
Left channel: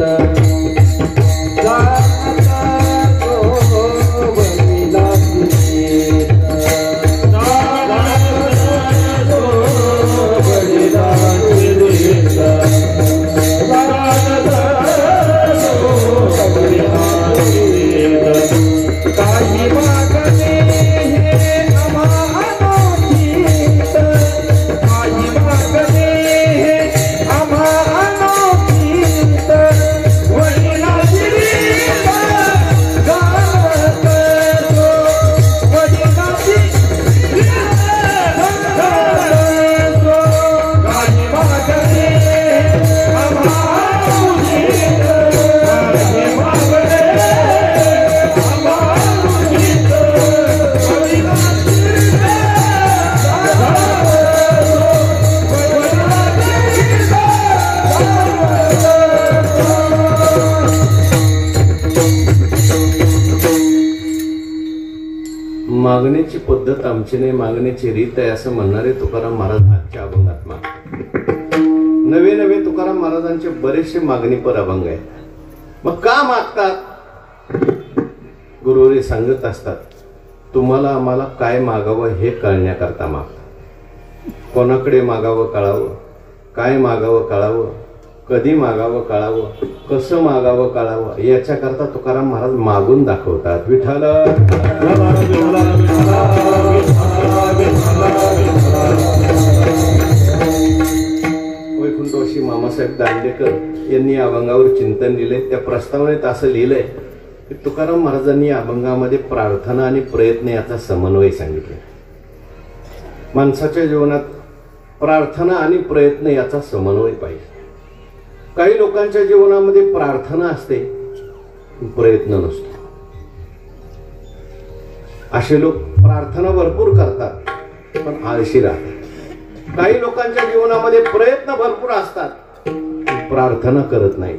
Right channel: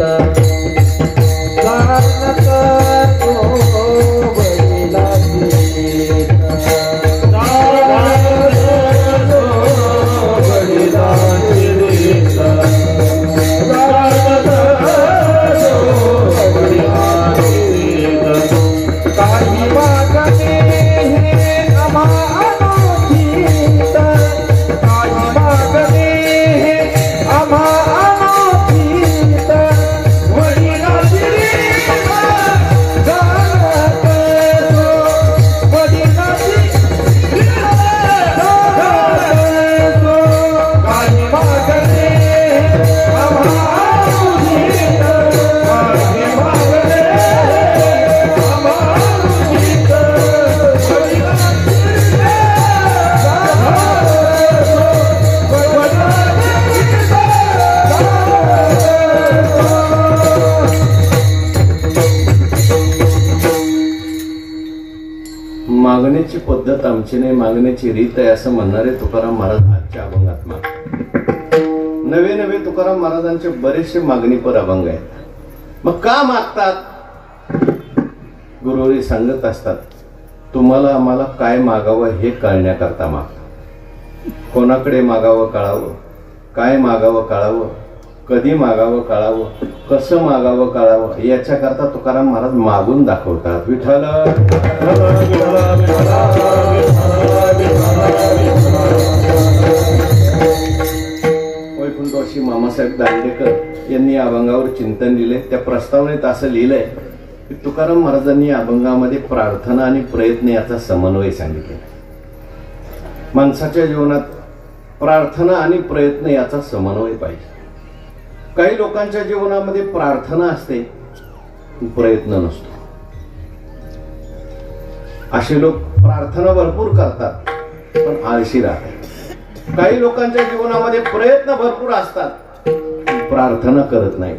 मागण्याची पद्धत आमची नाही, मागण्याची रीत आहे असं म्हणणारे तुकाराम महाराज आजच्या अभंगात मागतात. नवे नवे तुकाराम महाराजांचे बरेचसे मागणीपर अभंग आहेत. मग का मागतात? गुरुवरी सांगत असतात, तुम्हाला आम्हाला काय मागावं हे कळण्याकरता मागतात. कोणाकडे मागावं कळावं, काय मागावं कळावं, कधी मागावं कळावं, कसं मागावं कळावं, याच्याकरता तुकाराम महाराज मागून दाखवतात. विठ्ठल वैकुंठवर्षी मामासाहेब दांडेकर यांनी या अभंगावर चिंतन लिहिले. त्या प्रस्तावनेत असं लिहिलंय की तुकाराम महाराजांनी या अभंगामध्ये प्रार्थना आणि प्रयत्न याचा समन्वय सांगितले. माणसाच्या जीवनात प्रार्थना आणि प्रयत्न याचा समन्वय पाहिजे. काही लोकांच्या जीवनामध्ये प्रार्थना असते, प्रयत्न नसतो. असे लोक प्रार्थना भरपूर करतात पण आळशी राहतात. काही लोकांच्या जीवनामध्ये प्रयत्न भरपूर असतात पण प्रार्थना करत नाही.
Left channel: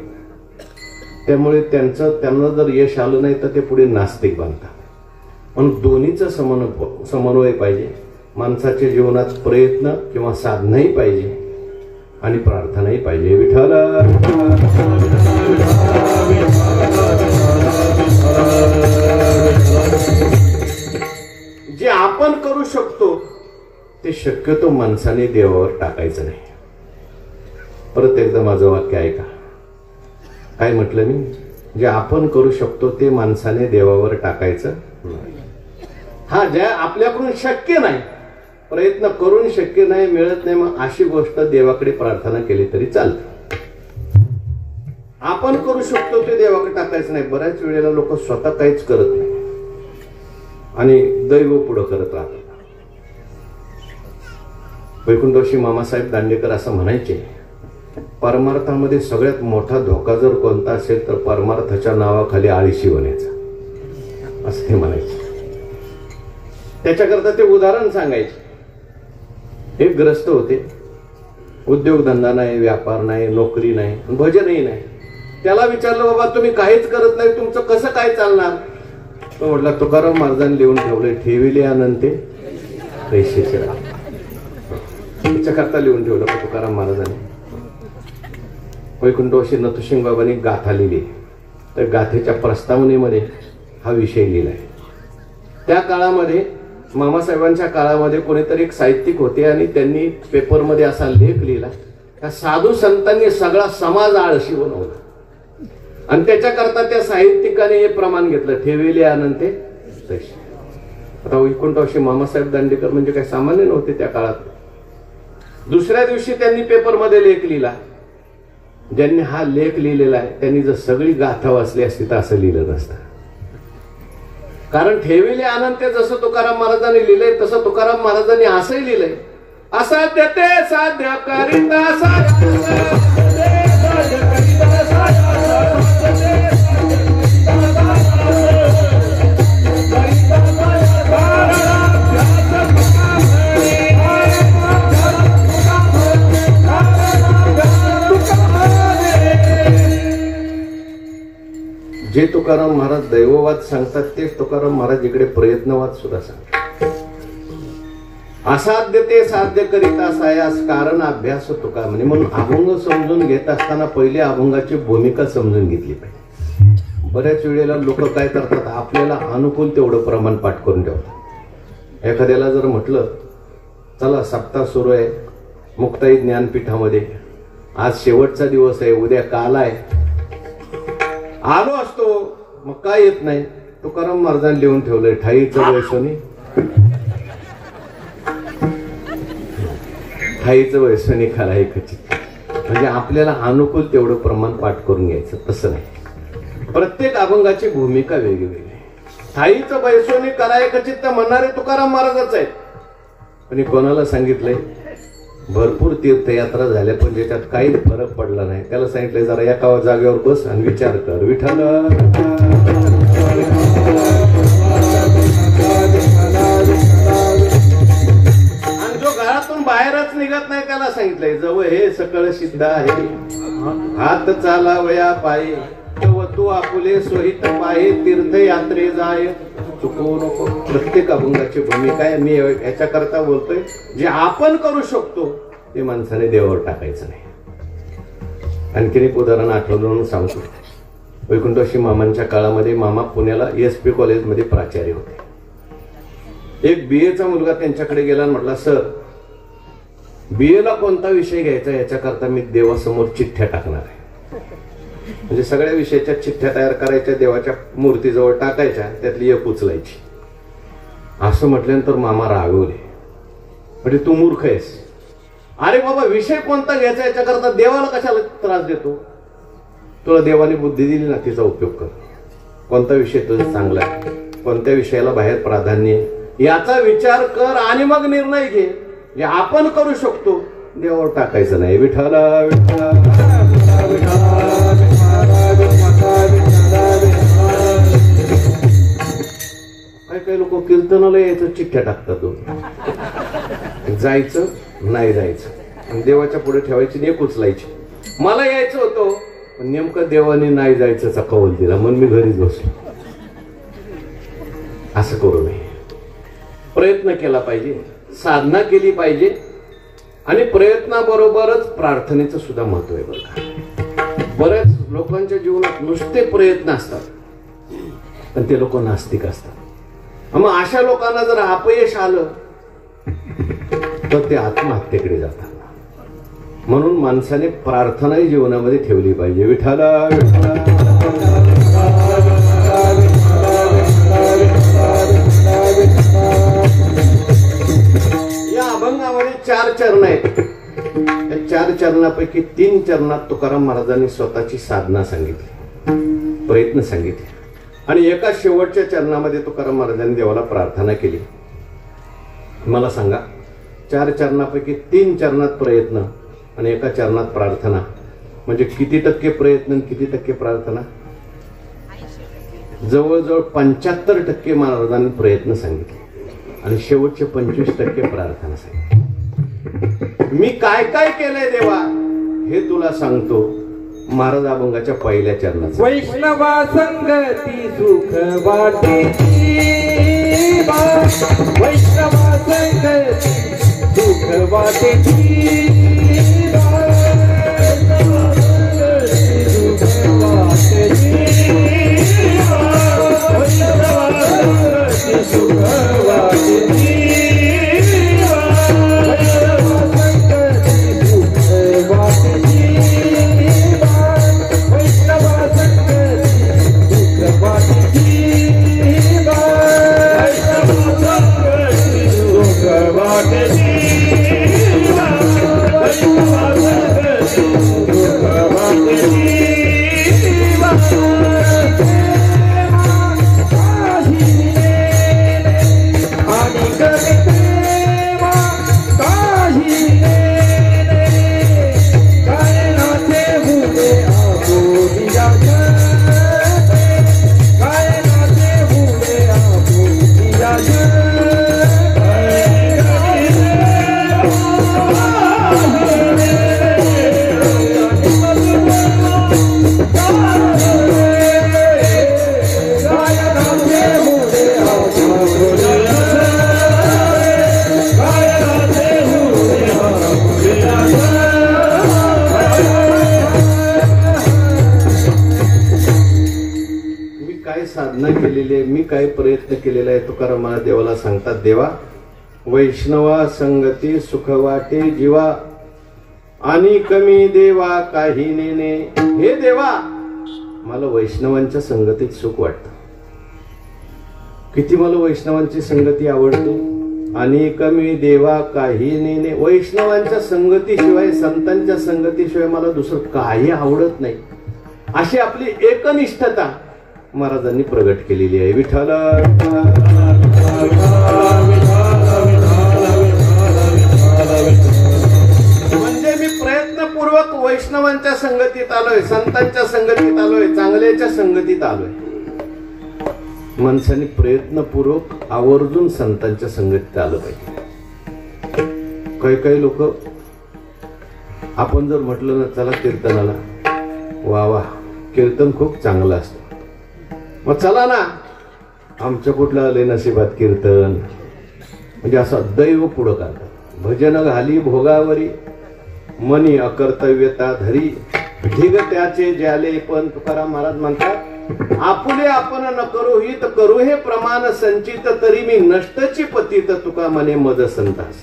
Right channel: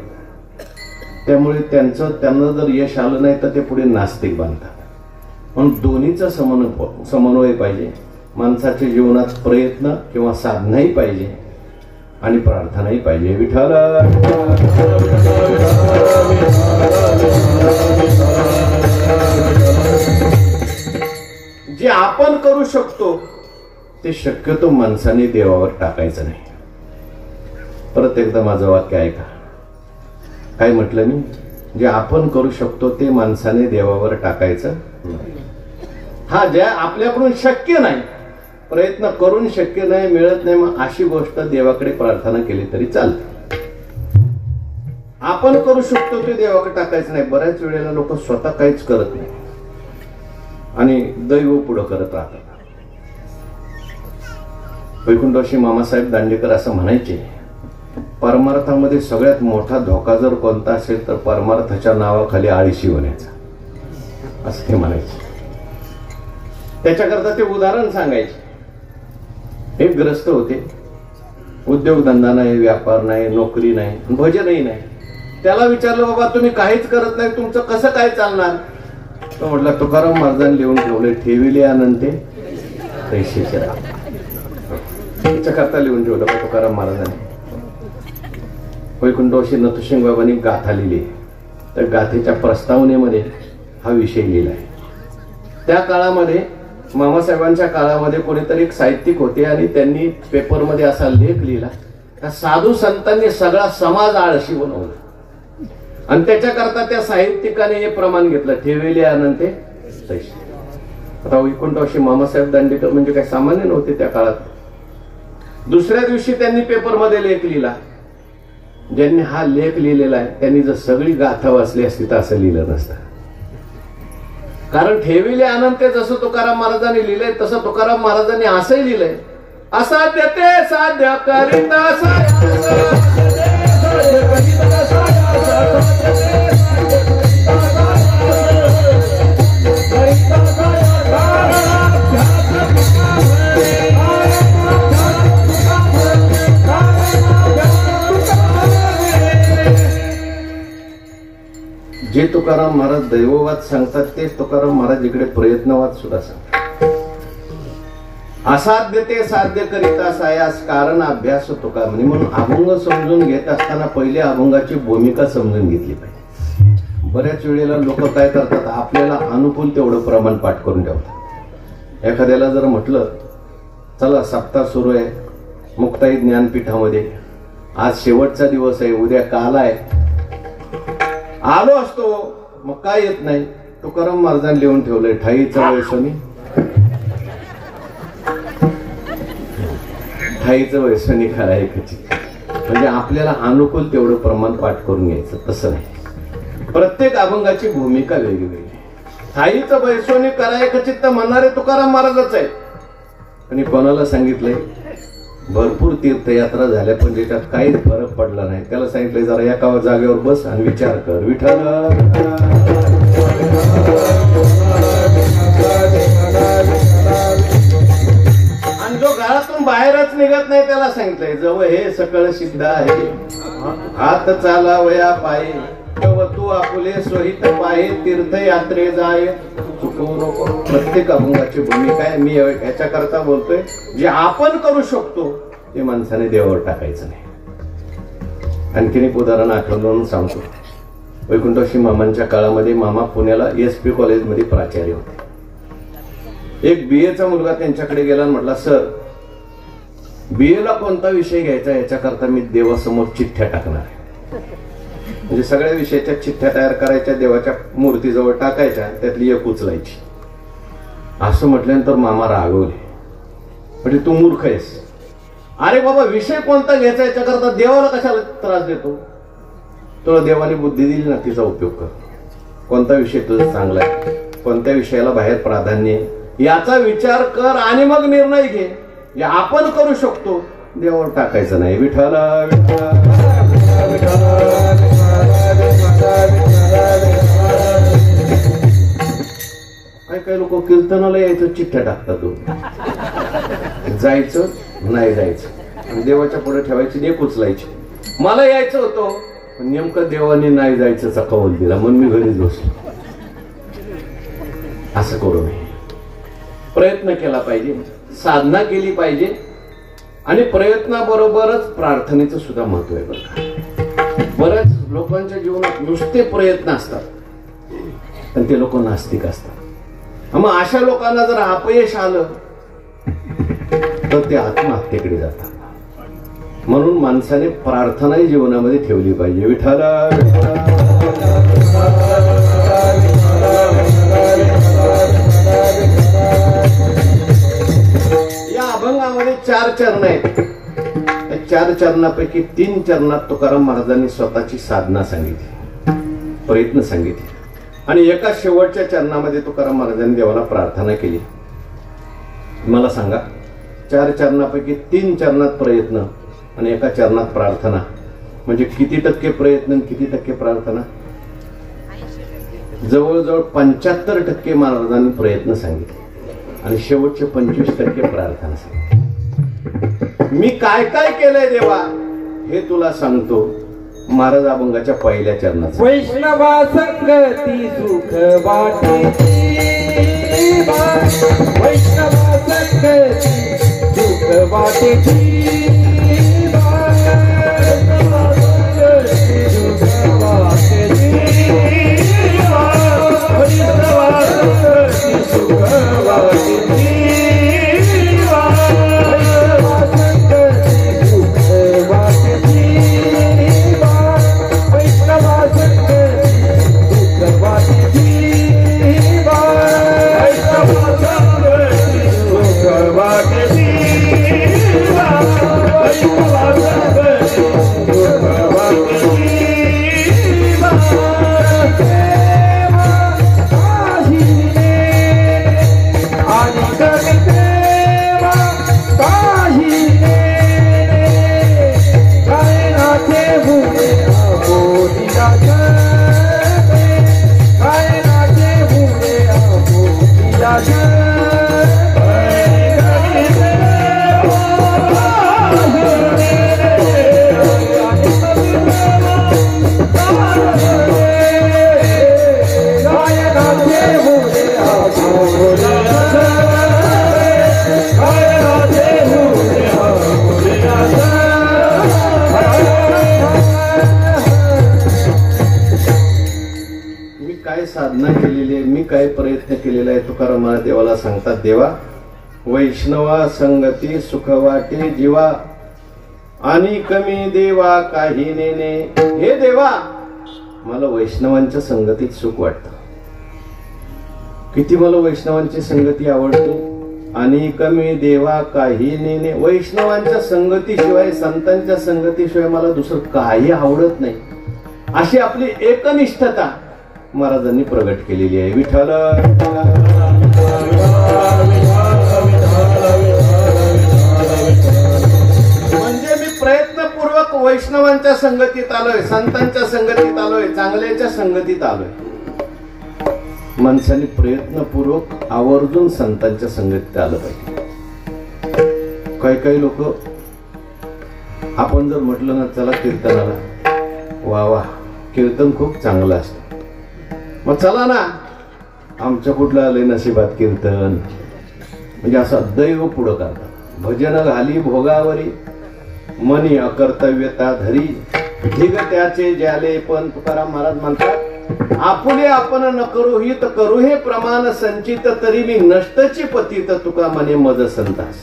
त्यामुळे त्यांना जर यश आलं नाही तर ते पुढे नास्तिक बनतात. म्हणून दोन्हीचा समन्वय पाहिजे. माणसाच्या जीवनात प्रयत्न किंवा साधनाही पाहिजे आणि प्रार्थनाही पाहिजे. विठ्ठल जे आपण करू शकतो ते शक्यतो माणसाने देवावर टाकायचं नाही. परत एकदा माझं वाक्य ऐका. काय म्हटलं मी? जे आपण करू शकतो ते माणसाने देवावर टाकायचं नाही. हा, ज्या आपल्याकडून शक्य नाही, प्रयत्न करून शक्य नाही, मिळत नाही, मग अशी गोष्ट देवाकडे प्रार्थना केली तरी चालते. आपण करू शकतो ते देवाकडे टाकायचं नाही. बऱ्याच वेळेला लोक स्वतः काहीच करत नाही आणि दैव पुढं करत राहतात. वैकुंठवासी मामासाहेब दांडेकर असं म्हणायचे, परमार्थामध्ये सगळ्यात मोठा धोका जर कोणता असेल तर परमार्थाच्या नावाखाली आळशी होण्याचा, असं ते म्हणायचे. त्याच्याकरता ते उदाहरण सांगायचे. एक ग्रस्त होते, उद्योगधंदा नाही, व्यापार नाही, नोकरी नाही, भजनही नाही. त्याला विचारलं, बाबा तुम्ही काहीच करत नाही, तुमचं कसं काय चालणार? तो म्हटलं, तुकाराम महाराजांनी लिहून ठेवलंय, ठेविले अनंते पैसेचे राह. त्याच्याकरता लिहून ठेवलं का तुकाराम महाराजांनी. वैकुंठवासी नथुसिंग बाबांनी गाथा लिहिली. तर गाथेच्या प्रस्तावनेमध्ये हा विषय लिहिलाय. त्या काळामध्ये मामासाहेबांच्या काळामध्ये कोणीतरी एक साहित्यिक होते आणि त्यांनी पेपरमध्ये असा लेख लिहिला, त्या साधू संतांनी सगळा समाज आळशी बनवला. आणि त्याच्याकरता त्या साहित्यिकाने हे प्रमाण घेतलं, ठेवेले अनंते पैसे. आता वैकुंठवासी मामासाहेब दांडेकर म्हणजे काही सामान्य नव्हते त्या काळात. दुसऱ्या दिवशी त्यांनी पेपरमध्ये लेख लिहिला. ज्यांनी हा लेख लिहिलेला आहे त्यांनी जर सगळी गाथा वाचली असती तर असं लिहिलं नसतं. कारण ठेविले अनंते जसं तुकाराम महाराजांनी लिहिलंय तसं तुकाराम महाराजांनी असंही लिहिलंय, असाध्य ते साध्य करिता जे तुकाराम महाराज दैववाद सांगतात तेच तुकाराम महाराज इकडे प्रयत्नवाद सुद्धा सांगतात. असाध्य ते साध्य करिता सायास कारण अभ्यास तुका म्हणे. म्हणून अभंग समजून घेत असताना पहिले अभंगाची भूमिका समजून घेतली पाहिजे. बऱ्याच वेळेला लोक काय करतात, आपल्याला अनुकूल तेवढं प्रमाण पाठ करून ठेवतात. एखाद्याला जर म्हटलं, चला सप्ताह सुरू आहे मुक्ताई ज्ञानपीठामध्ये, आज शेवटचा दिवस आहे, उद्या काल आहे, आलो असतो, मग काय येत नाही. तुकाराम महाराजांनी लिहून ठेवलंय, ठाईचं वैसोनी ठाईचं वैसोनी खराय कची. म्हणजे आपल्याला अनुकूल तेवढं प्रमाण पाठ करून घ्यायचं, तसं नाही. प्रत्येक अभंगाची भूमिका वेगवेगळी. ठाईचं वैसोनी कराय कचित तर म्हणणारे तुकाराम महाराजच आहेत. आणि कोणाला सांगितलंय, भरपूर तीर्थयात्रा झाल्या पण ज्याच्यात काही फरक पडला नाही, त्याला सांगितलंय जरा एका जागेवर बस आणि विचार कर, विठ्ठल. आणि जो घरातून बाहेरच निघत नाही त्याला सांगितलंय, जवळ हे सकळ सिद्ध आहे, हात चालावया पाये, तू आपुले सोहित पाये, तीर्थयात्रे जाय चुकू नको. प्रत्येक अभंगाची भूमिका आहे. मी याच्याकरता बोलतोय, जे आपण करू शकतो ते माणसाने देवावर टाकायचं नाही. आणखीन एक उदाहरण आठवलं म्हणून सांगतो. वैकुंठवासी मामांच्या काळामध्ये मामा पुण्याला SP कॉलेजमध्ये प्राचार्य होते. एक BA चा मुलगा त्यांच्याकडे गेला आणि म्हटला, सर BA ला कोणता विषय घ्यायचा याच्याकरता मी देवासमोर चिठ्ठ्या टाकणार आहे. म्हणजे सगळ्या विषयाच्या चिठ्ठ्या तयार करायच्या, देवाच्या मूर्तीजवळ टाकायच्या, त्यातली एक उचलायची. असं म्हटल्यानंतर मामा रागवले, म्हणजे तू मूर्ख आहेस. अरे बाबा, विषय कोणता घ्यायचा याच्याकरता देवाला कशाला त्रास देतो? तुला देवाने बुद्धी दिली ना, तिचा उपयोग कर. कोणता विषय तुझा चांगला आहे, कोणत्या विषयाला बाहेर प्राधान्य आहे याचा विचार कर आणि मग निर्णय घे. जे आपण करू शकतो देवावर टाकायचं नाही. विठ्ठल काही लोक कीर्तनाला यायचं, चिठ्ठ्या टाकतात. जायचं नाही जायचं, देवाच्या पुढे ठेवायची, एक उचलायची. मला यायचं होतं पण नेमकं देवाने नाही जायचं कौल दिला, म्हणून मी घरीच बसलो. असं करू नये. प्रयत्न केला पाहिजे, साधना केली पाहिजे. आणि प्रयत्नाबरोबरच प्रार्थनेचं सुद्धा महत्व आहे बरं का. बऱ्याच लोकांच्या जीवनात नुसते प्रयत्न असतात पण ते लोक नास्तिक असतात. मग अशा लोकांना जर अपयश आलं तर ते आत्महत्येकडे जातात. म्हणून माणसाने प्रार्थनाही जीवनामध्ये ठेवली पाहिजे. विठ्ठल या अभंगामध्ये 4 चरण आहेत. त्या 4 चरणापैकी 3 चरणात तुकाराम महाराजांनी स्वतःची साधना सांगितली, प्रयत्न सांगितले. आणि एका शेवटच्या चरणामध्ये तुकाराम महाराजांनी देवाला प्रार्थना केली. मला सांगा, 4 चरणापैकी 3 चरणात प्रयत्न आणि 1 चरणात प्रार्थना. म्हणजे किती टक्के प्रयत्न आणि किती टक्के प्रार्थना? जवळजवळ 75% महाराजांनी प्रयत्न सांगितले आणि शेवटचे 25% प्रार्थना सांगितली. मी काय काय केलंय देवा हे तुला सांगतो. महाराज अभंगाच्या पहिल्या चरणात वैष्णवा संगती सुख वाटे, वैष्णवा संगती सुख वाटे, मी काय प्रयत्न केलेला आहे. तुकाराम महाराज देवाला सांगतात, देवा वैष्णवा संगती सुख वाटे जीवा आणि कमी देवा काही नेने. हे देवा मला वैष्णवांच्या संगतीत सुख वाटतं. किती मला वैष्णवांची संगती आवडते. आणि कमी देवा काही नेने. वैष्णवांच्या संगतीशिवाय संतांच्या संगतीशिवाय मला दुसरं काही आवडत नाही. अशी आपली एकनिष्ठता महाराजांनी प्रगट केलेली आहे. विठ्ठल म्हणजे मी प्रयत्नपूर्वक वैष्णवांच्या संगतीत आलोय, संतांच्या संगतीत आलोय, चांगल्याच्या संगतीत आलोय. माणसाने प्रयत्नपूर्वक आवर्जून संतांच्या संगतीत आलं पाहिजे. काही लोक आपण जर म्हटलं ना चला कीर्तनाला, वा वा कीर्तन खूप चांगलं असतं, मग चला ना, आमच्या कुठलं आलंय नशिबात कीर्तन. म्हणजे असं दैव पुढं करतात. भजन घाली भोगावरी मनी अकर्तव्यता धरी, ढिग त्याचे ज्याले पण. तुकाराम महाराज म्हणतात, आपुले आपण न करू हित करू हे प्रमाण संचित, तरी मी नष्टची पतित तुका मने मज संतास.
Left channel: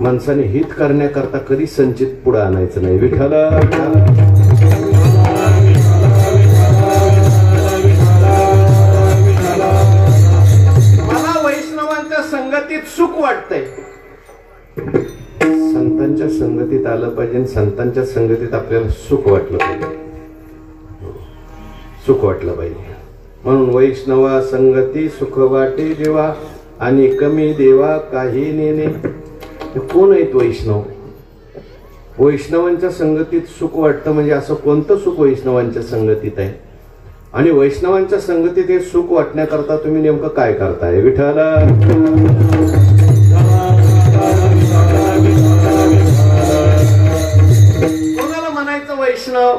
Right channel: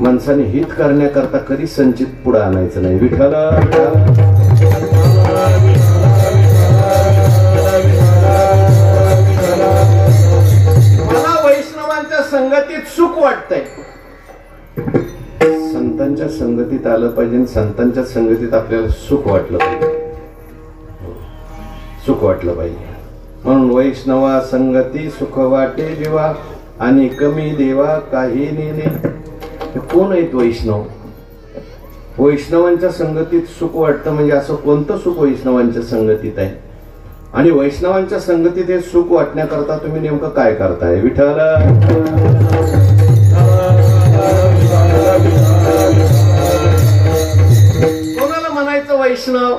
माणसाने हित करण्याकरता कधी संचित पुढे आणायचं नाही. विठ्ठल मला वैष्णवांच्या संगतीत सुख वाटतंय. संतांच्या संगतीत आलं पाहिजे. संतांच्या संगतीत आपल्याला सुख वाटलं पाहिजे, सुख वाटलं पाहिजे. म्हणून वैष्णवा संगती सुख वाटे जीवा आणि कमी देवा काही नेने. कोण आहेत वैष्णव? वैष्णवांच्या संगतीत सुख वाटतं म्हणजे असं कोणतं सुख वैष्णवांच्या संगतीत आहे? आणि वैष्णवांच्या संगतीत हे सुख वाटण्याकरता तुम्ही नेमकं काय करताय? विठ्ठल कोणाला म्हणायचं वैष्णव?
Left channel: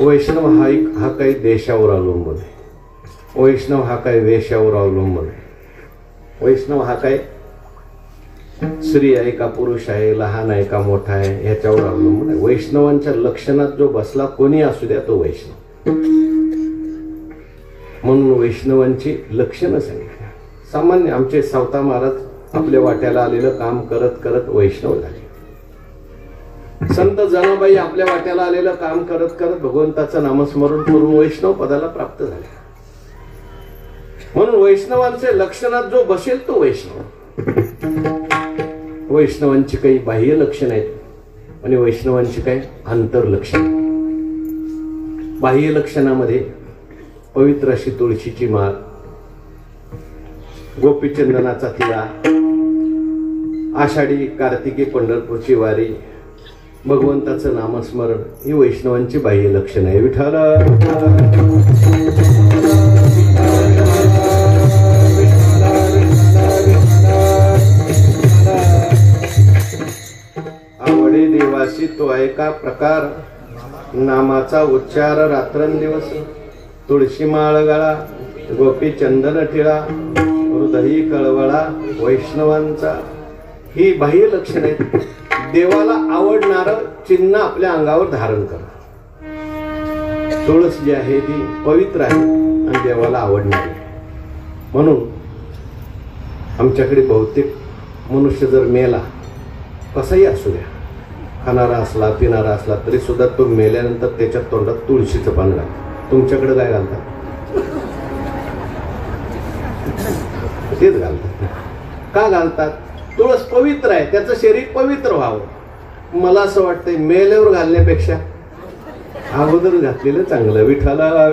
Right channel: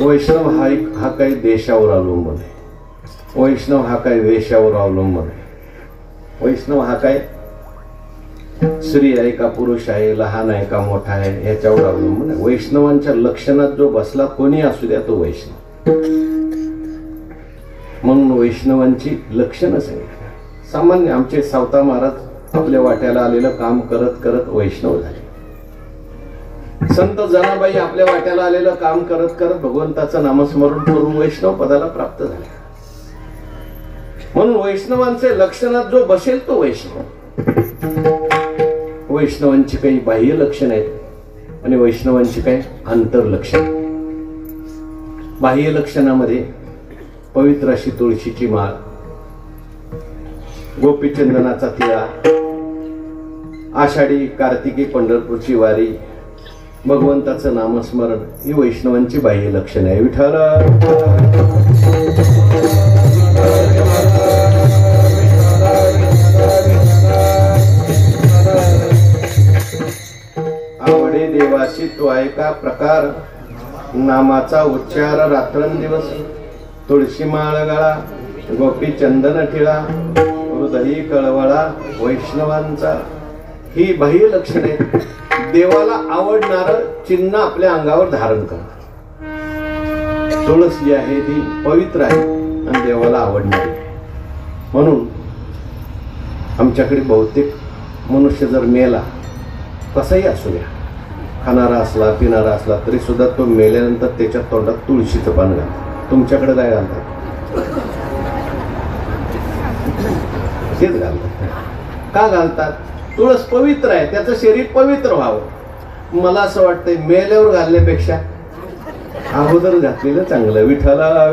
वैष्णव हा काही देशावर अवलंबून आहे. वैष्णव हा काही वेशावर अवलंबून आहे. वैष्णव हा काय स्त्री आहे का पुरुष आहे, लहान आहे का मोठा आहे, ह्याच्यावर अवलंबून आहे. वैष्णवांच्या लक्षणात जो बसला कोणी असू द्या तो वैष्णव. म्हणून वैष्णवांची लक्षणं सांगितली. सामान्य आमचे सावता महाराज आपल्या वाट्याला आलेलं काम करत करत वैष्णव झाले. संत जनाबाई आपल्या वाट्याला आलेलं काम करत करत भगवंताचं नामस्मरण करून वैष्णव पदाला प्राप्त झाले. म्हणून वैष्णवांचे लक्षणात जो बसेल तो वैष्णव. वैष्णवांची काही बाह्य लक्षण आहेत आणि वैष्णवांची काही अंतर लक्षण. बाह्य लक्षणामध्ये पवित्र अशी तुळशीची माळ, गोपीचंदनाचा तिळा, आषाढी कार्तिकी पंढरपूरची वारी, भगवंताचं नामस्मरण ही वैष्णवांची बाह्य लक्षण आहे. विठ्ठल आवडे देवाची तो ऐका प्रकार, नामाचा उच्चार रात्रंदिवस. तुळशी माळ गळा, गोपी चंदन ठिळा, हृदयी कळवळा वैष्णवांचा. ही बाह्य लक्षणे देवाला आवडणार चिन्ह आपल्या अंगावर धारण करा. तुळस जी आहे ती पवित्र आहे आणि देवाला आवडणारी. म्हणून आमच्याकडे बहुतेक मनुष्य जर मेला, कसाही असू द्या, खाणारा असला पिणारा असला तरी सुद्धा तो मेल्यानंतर त्याच्या तोंडात तुळशीचं पान घालतात. तुमच्याकडे काय घालतात? तेच घालतात. का घालतात? तुळस पवित्र आहे, त्याचं शरीर पवित्र व्हावं. मला असं वाटतंय मेल्यावर घालण्यापेक्षा अगोदर घातलेलं चांगलं. विठ्ठला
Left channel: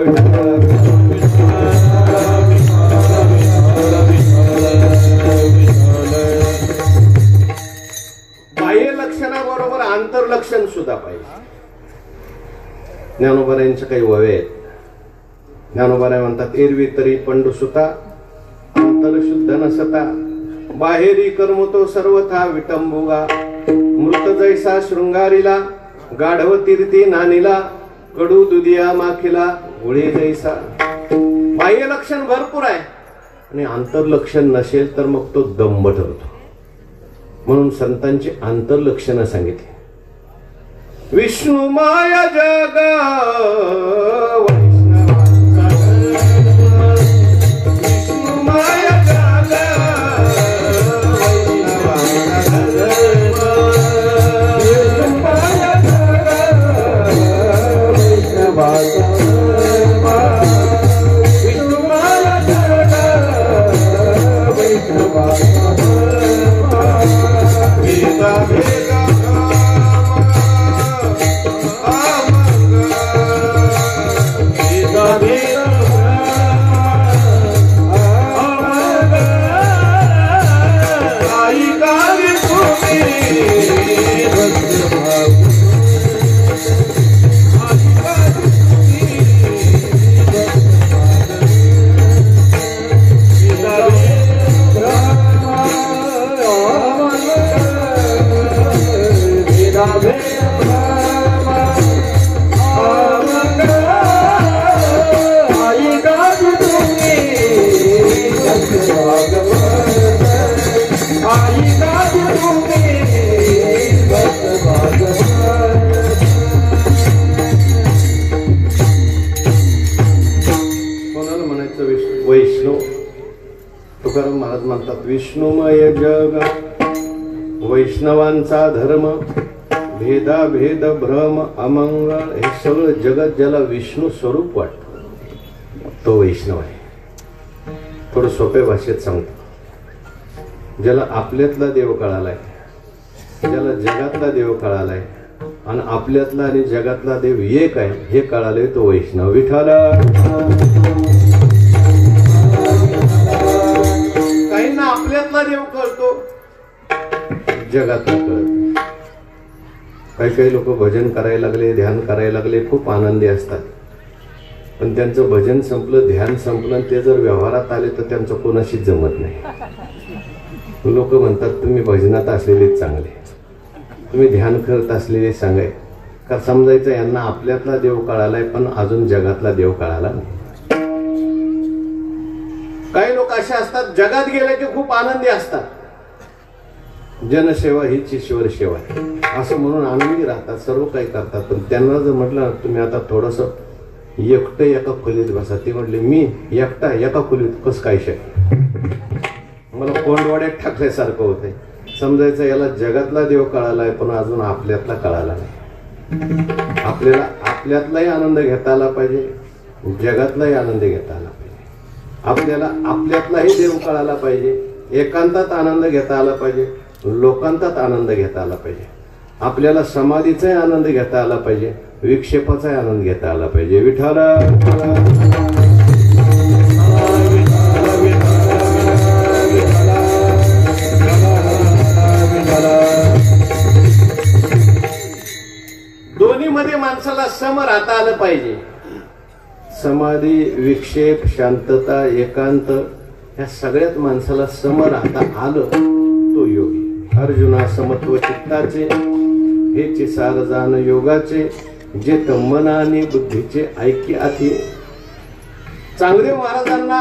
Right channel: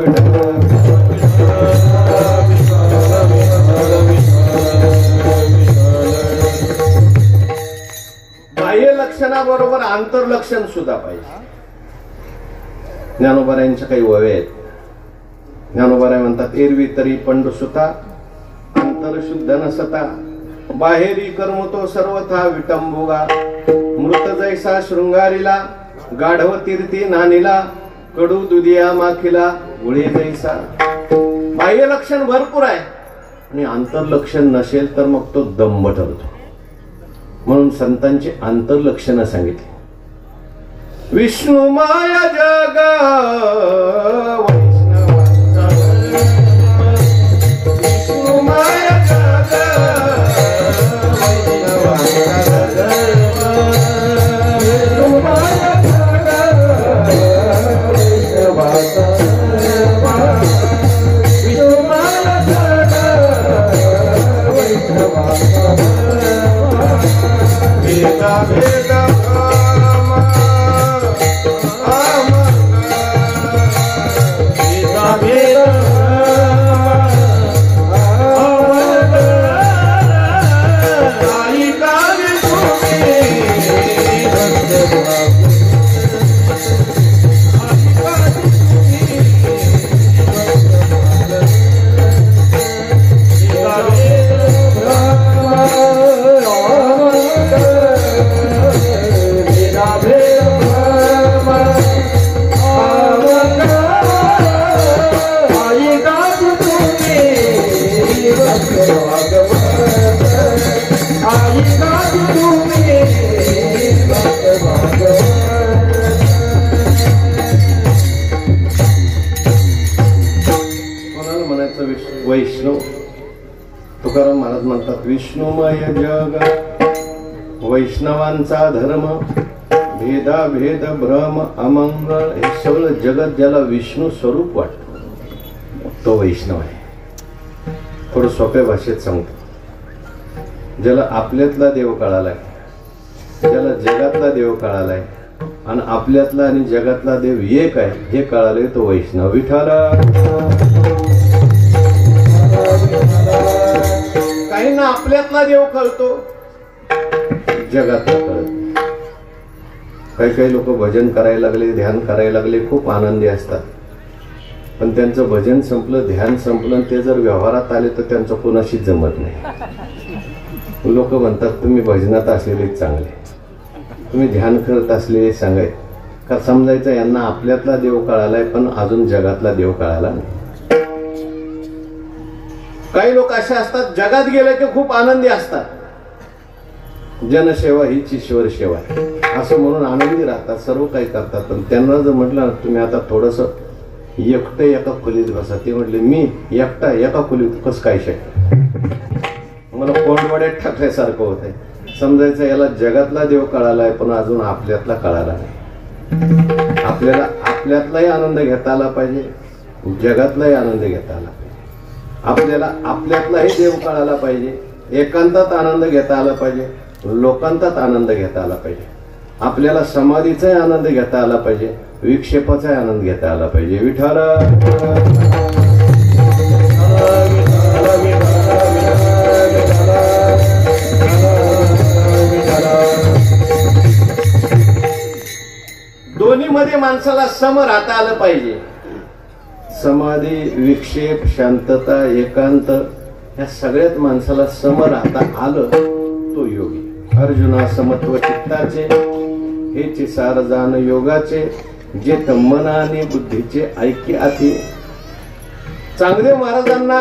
बाह्य लक्षणाबरोबर आंतरलक्षण सुद्धा पाहिजे. ज्ञानोबारायांच्या काही ववे आहेत. ज्ञानोबाराय म्हणतात, एरवी तरी पंडुसुता अंतर शुद्ध नसता, बाहेरी कर्म तो सर्वथा विटंबुगा, मृत जैसा शृंगारीला, गाढव तीर्थी नानीला, कडू दुधिया माखीला, गुळी जैसा. बाह्य लक्षण भरपूर आहे आणि आंतरलक्षण नसेल तर मग तो दंभ ठरतो. म्हणून संतांची आंतरलक्षणं सांगितली. विष्णुमय जग वैष्णव. तुकाराम महाराज म्हणतात, विष्णुमय जग वैष्णवांचा धर्म, भेदाभेद भ्रम अमंगळ हे सगळं जगत ज्याला विष्णू स्वरूप वाटतं तो वैष्णव आहे. थोडं सोप्या भाषेत सांगतो. ज्याला आपल्यातला देव कळालाय, ज्याला जगातला देव कळालाय आणि आपल्यातला आणि जगातला देव एक आहे हे कळालंय तो वैष्णव. विठ्ठला काहींना आपल्यातला देव कळतो, जगातला कळत. काही काही लोक भजन करायला लागले, ध्यान करायला लागले, खूप आनंदी असतात. पण त्यांचं भजन संपलं, ध्यान संपलं, ते जर व्यवहारात आले तर त्यांचं कोणाशीच जमत नाही. लोक म्हणतात तुम्ही भजनात असलेले चांगले, तुम्ही ध्यान करत असलेले सांगाय का समजायचं यांना आपल्यातला देव कळालाय पण अजून जगातला देव कळाला नाही. काही लोक असे असतात जगात गेले की खूप आनंदी असतात, जनसेवा हीच ईश्वर सेवा असं म्हणून आनंदी राहतात, सर्व काही करतात. पण त्यांना जर म्हटलं तुम्ही आता थोडस एकटं एका खोलीत बसा, ते म्हटले मी एकटा एका खोलीत कसं काय शक्य, मला कोंडवाड्यात टाकल्यासारखं होतंय. समजायचं याला जगातला देव कळालाय पण अजून आपल्यातला कळाला नाही. आपल्याला आपल्यातलाही आनंद घेता आला पाहिजे, जगातलाही आनंद घेता आला पाहिजे. आपल्याला आपल्यातलाही देव कळाला पाहिजे, एकांतात आनंद घेता आला पाहिजे, लोकांतात आनंद घेता आला पाहिजे. आपल्याला समाधीचाही आनंद घेता आला पाहिजे, विक्षेपाचाही आनंद घेता आला पाहिजे. विठ्ठल सम राहता आलं पाहिजे. समाधी, विक्षेप, शांतता, एकांत या सगळ्यात माणसाला सम राहता आलं तो योगी. अर्जुना समत्व चित्ताचे हेचे सार जाण योगाचे, जे मन आणि बुद्धीचे ऐक्य आती. चांगदेव महाराजांना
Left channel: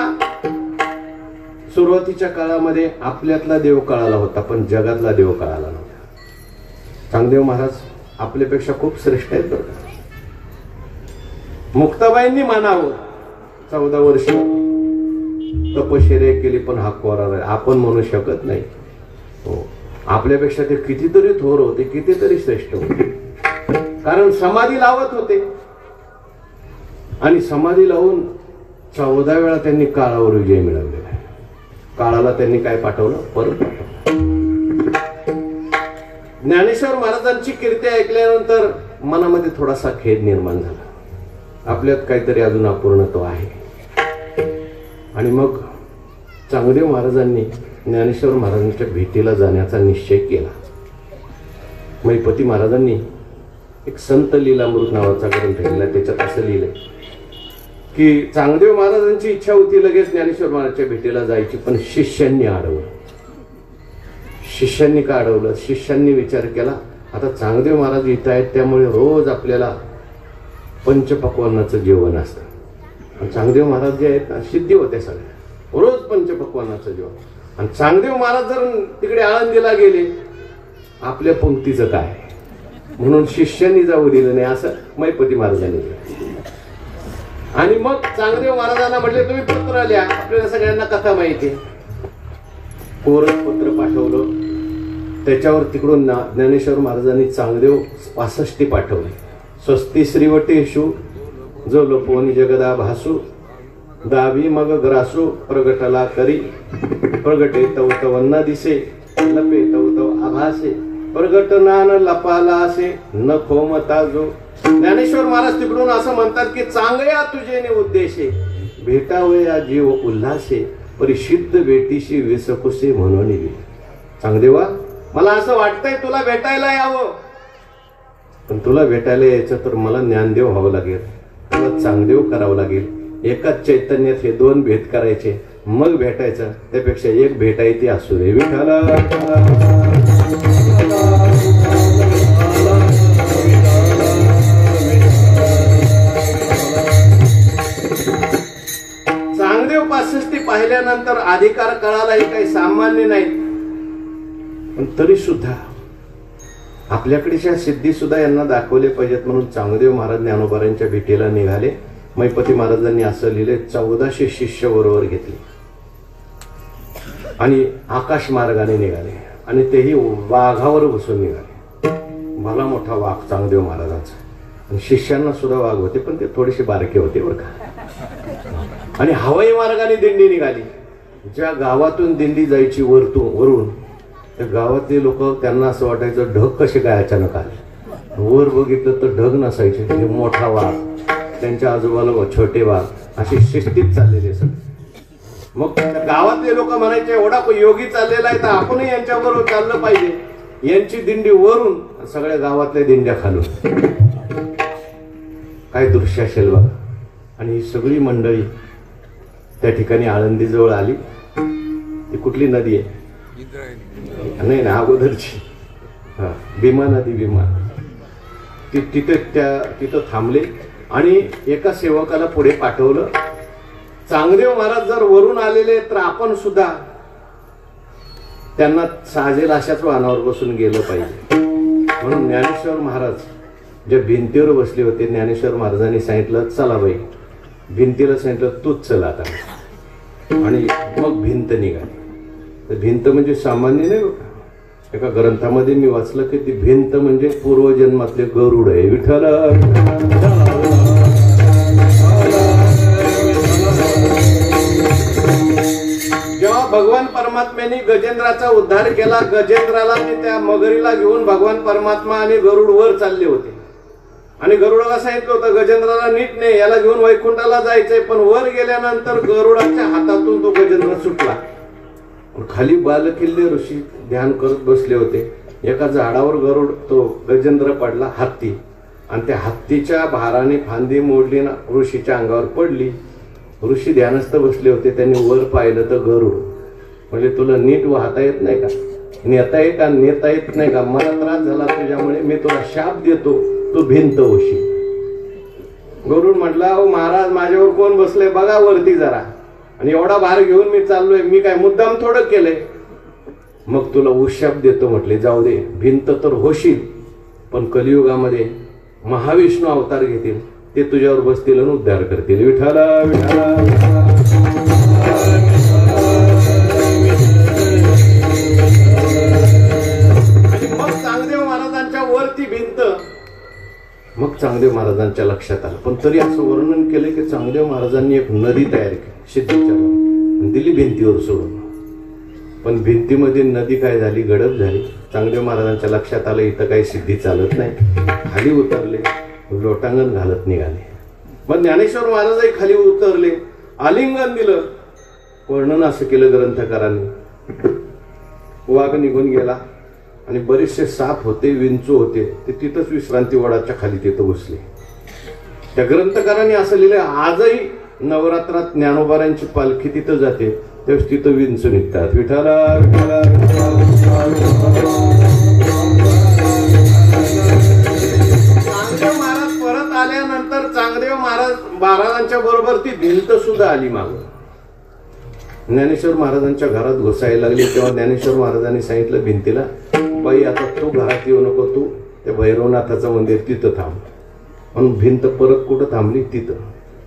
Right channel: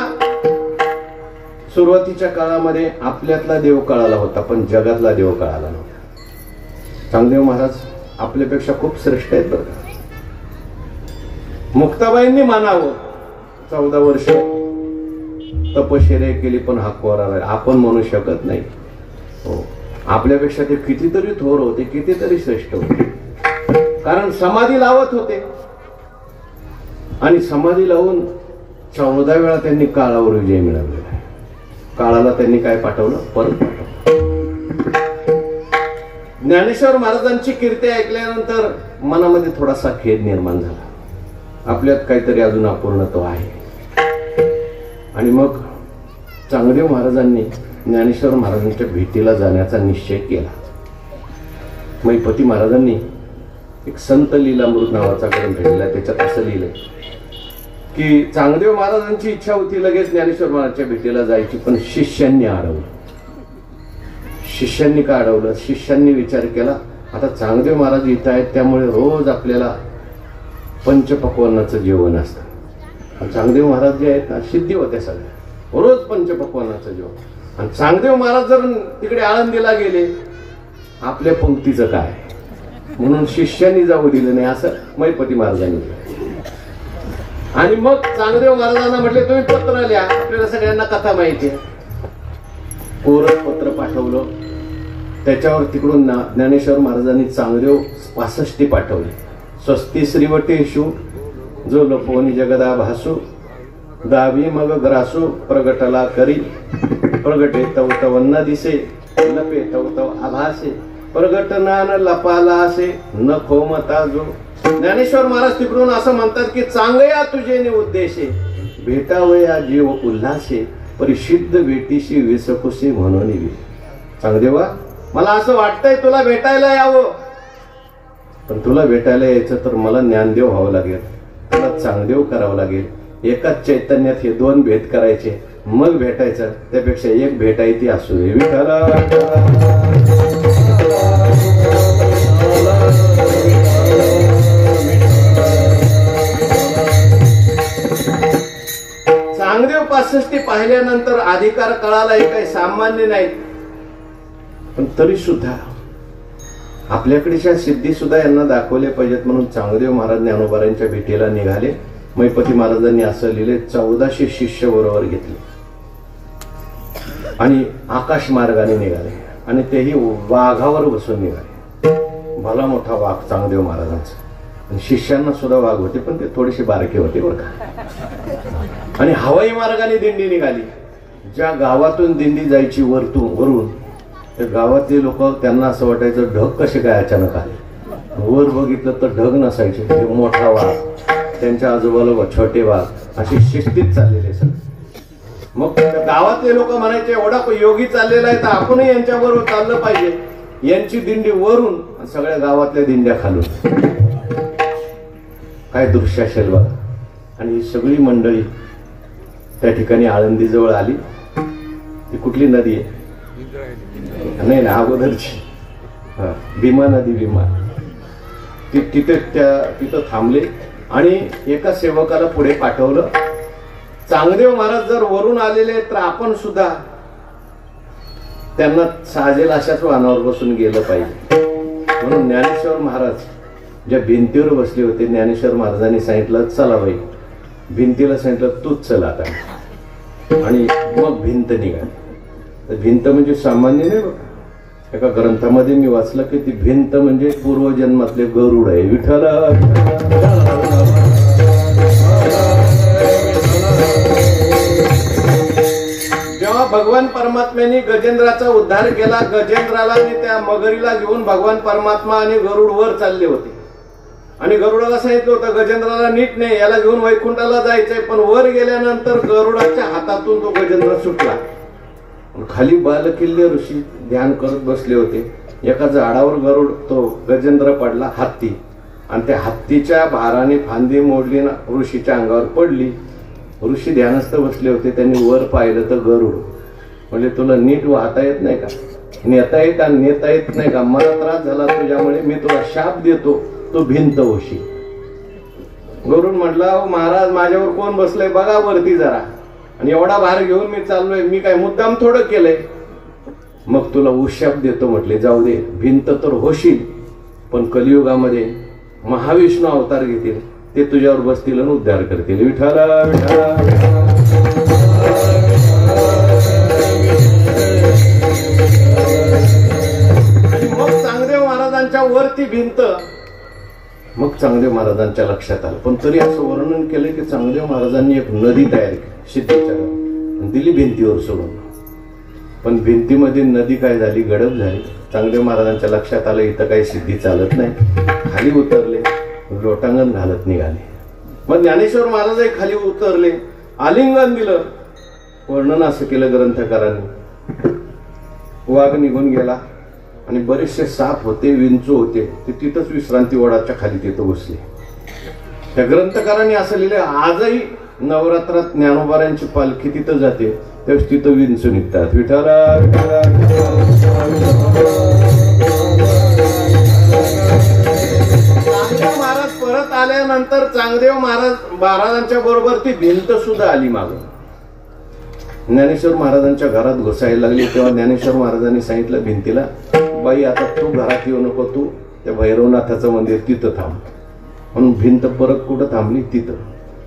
सुरुवातीच्या काळामध्ये आपल्यातला देव कळाला होता, पण जगातला देव कळाला नव्हता. चांगदेव महाराज आपल्यापेक्षा खूप श्रेष्ठ आहेत बरं. मुक्ताबाईंनी मानावं 14 वर्ष तपश्चर्या केली, पण हा कोरा आपण म्हणू शकत नाही. हो, आपल्यापेक्षा ते कितीतरी थोर होते, कितीतरी श्रेष्ठ होते. कारण समाधी लावत होते आणि समाधी लावून 14 वेळा त्यांनी काळावर विजय मिळवलेला. काळाला त्यांनी काय पाठवलं? परत पाठवलं. ज्ञानेश्वर महाराजांची कीर्ती ऐकल्यानंतर मनामध्ये थोडासा खेद निर्माण झाला. आपल्यात काहीतरी अजून अपूर्णत्व आहे. आणि मग चांगदेव महाराजांनी ज्ञानेश्वर महाराजांच्या भेटीला जाण्याचा निश्चय केला. मैपती महाराजांनी एक संत लीलामृत नावाचा ग्रंथ लिहिला. त्याच्यात असं लिहिलंय की चांगदेव महाराजांची इच्छा होती लगेच ज्ञानेश्वर महाराजांच्या भेटीला जायची, पण शिष्यांनी अडवलं. शिष्यांनी का अडवलं? शिष्यांनी विचार केला आता चांगदेव महाराज इथं आहेत, त्यामुळे रोज आपल्याला पंचपक्वान्नाचं जेवण असतं. चांगदेव महाराज जे आहेत ना, सिद्धी होते सगळ्या, रोज पंचपक्वान्नाचं जेवण. आणि चांगदेव महाराज जर तिकडे आळंदीला गेले, आपल्या पंक्तीचं काय? म्हणून शिष्यांनी जाऊ दिलं नाही, असं मैपती महाराजांनी. आणि मग चांगदेव महाराजांना म्हटले तुम्ही पत्र लिहा, आपल्याला सगळ्यांना कथा माहिती आहे. कोरस पत्र पाठवलं. त्याच्यावर तिकडून ज्ञानेश्वर महाराजांनी चांगदेव 65 पाठवले. स्वस्ती श्रीवटेशु जो लपोनी जगदा भासू, गावी मग ग्रासू प्रगटला करी, प्रगटे तव तव न दिसे, लपे तव तव आभासे, प्रगटना न लपाला असे न खोमता जो. ज्ञानेश्वर महाराज तिकडून असं म्हणतात की चांगया तुझे नि उद्देशे, भेटावया जीव उल्हासे, परिसिद्ध भेटीशी विसकुसे म्हणून. चांगदेवा, मला असं वाटतंय तुला भेटायला यावं, पण तुला भेटायला यायचं तर मला ज्ञानदेव व्हावं लागेल, तुला चांगदेव करावं लागेल. एकाच चैतन्यात हे 2 भेट करायचे, मग भेटायचं. त्यापेक्षा एक भेटायची असू दे. विठाला चांगदेव 65 पाहिल्यानंतर अधिकार कळाला हे काही सामान्य नाही. पण तरी सुद्धा आपल्याकडच्या सिद्धी सुद्धा यांना दाखवले पाहिजेत, म्हणून चांगदेव महाराज ज्ञानोबारांच्या भेटीला निघाले. मैपती महाराजांनी असं लिहिले 1400 शिष्य बरोबर घेतले आणि आकाश मार्गाने निघाले. आणि तेही वाघावर बसून निघाले. भला मोठा वाघ चांगदेव महाराजांचा. आणि शिष्यांना सुद्धा वाघ होते, पण ते थोडेसे बारके होते बरं का. आणि हवाई मार्गाने दिंडी निघाली. ज्या गावातून दिंडी जायची वरून, त्या गावातली लोक त्यांना असं वाटायचं ढग कसे काय अचानक आले. वर बघितलं तर ढग नसायचे, मोठा वाघ, त्यांच्या आजूबाजूला छोटे वाघ, अशी शिस्तीत चाललेले सगळे. मग गावातले लोक म्हणायचे एवढा योगी चाललेला आहे तर आपणही यांच्याबरोबर चाललं पाहिजे. यांची दिंडी वरून, सगळ्या गावातल्या दिंड्या खालून. काय दृश्य असेल बघा. आणि ही सगळी मंडळी त्या ठिकाणी आळंदीजवळ आली. ती कुठली नदी आहे? नाही ना, अगोदरची भीमा नदी. भीमा तिथं थांबले आणि एका सेवकाला पुढे पाठवलं. चांगदेव महाराज जर वरून आलेले तर आपण सुद्धा त्यांना साजेल अशाच वाहनावर बसून गेलं पाहिजे. म्हणून ज्ञानेश्वर महाराज ज्या भिंतीवर बसले होते, ज्ञानेश्वर महाराजांनी सांगितलं चला बाई. भिंतीला सांगितलं तूच चला आता. आणि मग भिंत निघाली. भिंत म्हणजे सामान्य नाही बघा. एका ग्रंथामध्ये मी वाचलं की ती भिंत म्हणजे पूर्वजन्मातले गरुड आहे. विठ्ठला जेव्हा भगवान परमात्म्याने गजेंद्राचा उद्धार केला, गजेंद्राला त्या मगरीला घेऊन भगवान परमात्मा आणि गरुड वर चालले होते. आणि गरुडाला सांगितलं होतं गजेंद्राला नीट नाही, याला घेऊन वैकुंठाला जायचंय. पण वर गेल्यानंतर गरुडाच्या हातातून तो गजेंद्र सुटला. खाली बालकिल्ले ऋषी ध्यान करत बसले होते. एका झाडावर गरुड तो गजेंद्र पडला. हत्ती आणि त्या हत्तीच्या भाराने फांदी मोडली ना ऋषीच्या अंगावर पडली. ऋषी ध्यानस्थ बसले होते. त्यांनी वर पाहिलं तर गरुड. म्हणजे तुला नीट वाहता येत नाही का, नेता येत का, नेता येत नाही का, मला त्रास झाला तुझ्यामुळे, मी तुला शाप देतो, तू भिंत होशील. गरुड म्हटला, अहो महाराज माझ्यावर कोण बसलंय बघा वरती जरा, आणि एवढा भार घेऊन मी चाललोय, मी काय मुद्दाम थोडं केलंय. मग तुला उशाप देतो म्हटले, जाऊ दे भिंत तर होशील, पण कलियुगामध्ये महाविष्णू अवतार घेतील, ते तुझ्यावर बसतील आणि उद्धार करतील. विठाला विठाला. मग चांगदेव महाराजांच्या वरती भिंत. मग चांगदेव महाराजांच्या लक्षात आलं, पण तरी असं वर्णन केलं की चांगदेव महाराजांनी एक नदी तयार केली सिद्धेच्या, दिली भिंतीवर सोडून. पण भिंतीमध्ये नदी काय झाली, गडप झाली. चांगदेव महाराजांच्या लक्षात आलं इथं काही सिद्धी चालत नाही. खाली उतरले, लोटांगण घालत निघाले. मग ज्ञानेश्वर महाराजही खाली उतरले, आलिंगन दिलं. वर्णन असं केलं ग्रंथकारांनी, वाघ निघून गेला आणि बरेचसे साप होते, विंचू होते, ते तिथंच विश्रांती वडाच्या खाली तिथं बसले. त्या ग्रंथकारांनी असं लिहिलं, आजही नवरात्रात ज्ञानोबारांची पालखी तिथं जाते, त्यावेळेस तिथं विंचू निघतात. विठाला विठाला. चांगदेव महाराज परत आल्यानंतर चांगदेव महाराजांच्या बरोबर ती भिंत सुद्धा आली मागं. ज्ञानेश्वर महाराजांच्या घरात घुसायला लागली, तेव्हा ज्ञानेश्वर महाराजांनी सांगितलं भिंतीला, बाई आता तू घरात येऊ नको, तू त्या भैरवनाथाचं मंदिर तिथं थांब. म्हणून भिंत परत कुठं थांबली, तिथं.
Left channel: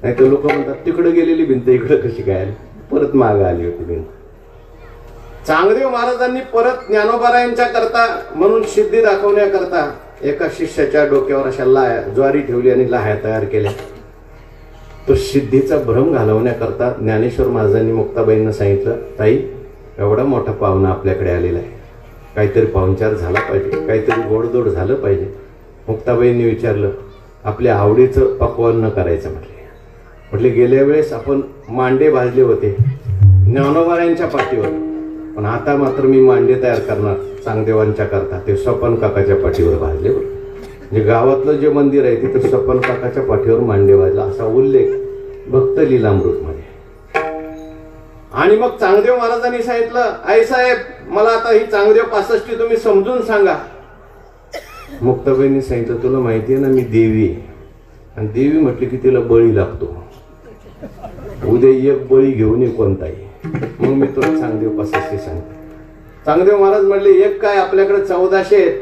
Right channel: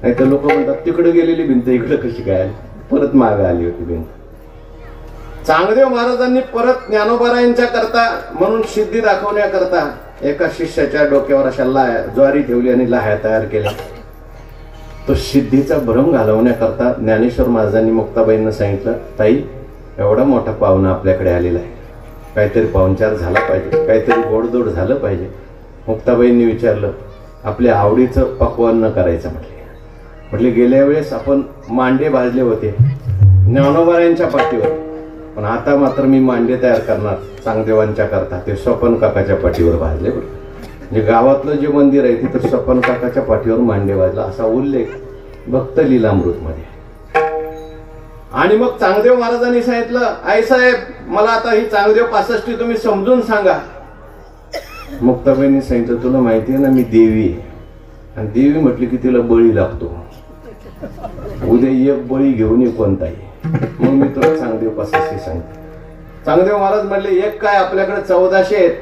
नाही तर लोक म्हणतात तिकडे गेलेली भिंत इकडं कशी काय आली, परत मागे आली होती भिंत. चांगदेव महाराजांनी परत ज्ञानोबारायांच्या करता म्हणून सिद्धी दाखवण्याकरता एका शिष्याच्या डोक्यावर अशा लाह्या ज्वारी ठेवली आणि लाह्या तयार केल्या. तो सिद्धीचा भ्रम घालवण्याकरता ज्ञानेश्वर महाराजांनी मुक्ताबाईंना सांगितलं, ताई एवढा मोठा पाहुणा आपल्याकडे आलेला आहे, काहीतरी पाहुणचार झाला पाहिजे, काहीतरी गोडदोड झालं पाहिजे. मुक्ताबाईंनी विचारलं, आपल्या आवडीचं पक्वान्न करायचं म्हटले. गेल्या वेळेस आपण मांडे भाजले होते ज्ञानोबारायांच्या पाठीवर, पण आता मात्र मी मांडे तयार करणार चांगदेवांच्या करता, ते स्वपन काकाच्या पाठीवर भाजले. म्हणजे गावातलं जे मंदिर आहे तिथं स्वपन काकाच्या पाठीवर मांडे भाजला, असा उल्लेख भक्त लीलामृत मध्ये. आणि मग चांगदेव महाराजांनी सांगितलं, आई साहेब मला आता ही चांगदेव 65 तुम्ही समजून सांगा. मुक्ताबाईंनी सांगितलं, तुला माहिती आहे ना मी देवी आहे, आणि देवी म्हटली की तिला बळी लागतो, उद्या एक बळी घेऊन ये कोणताही. मग मी तुला चांगदेव 65 सांगतो. चांगदेव महाराज म्हणले, एक काय आपल्याकडे 1400 आहेत,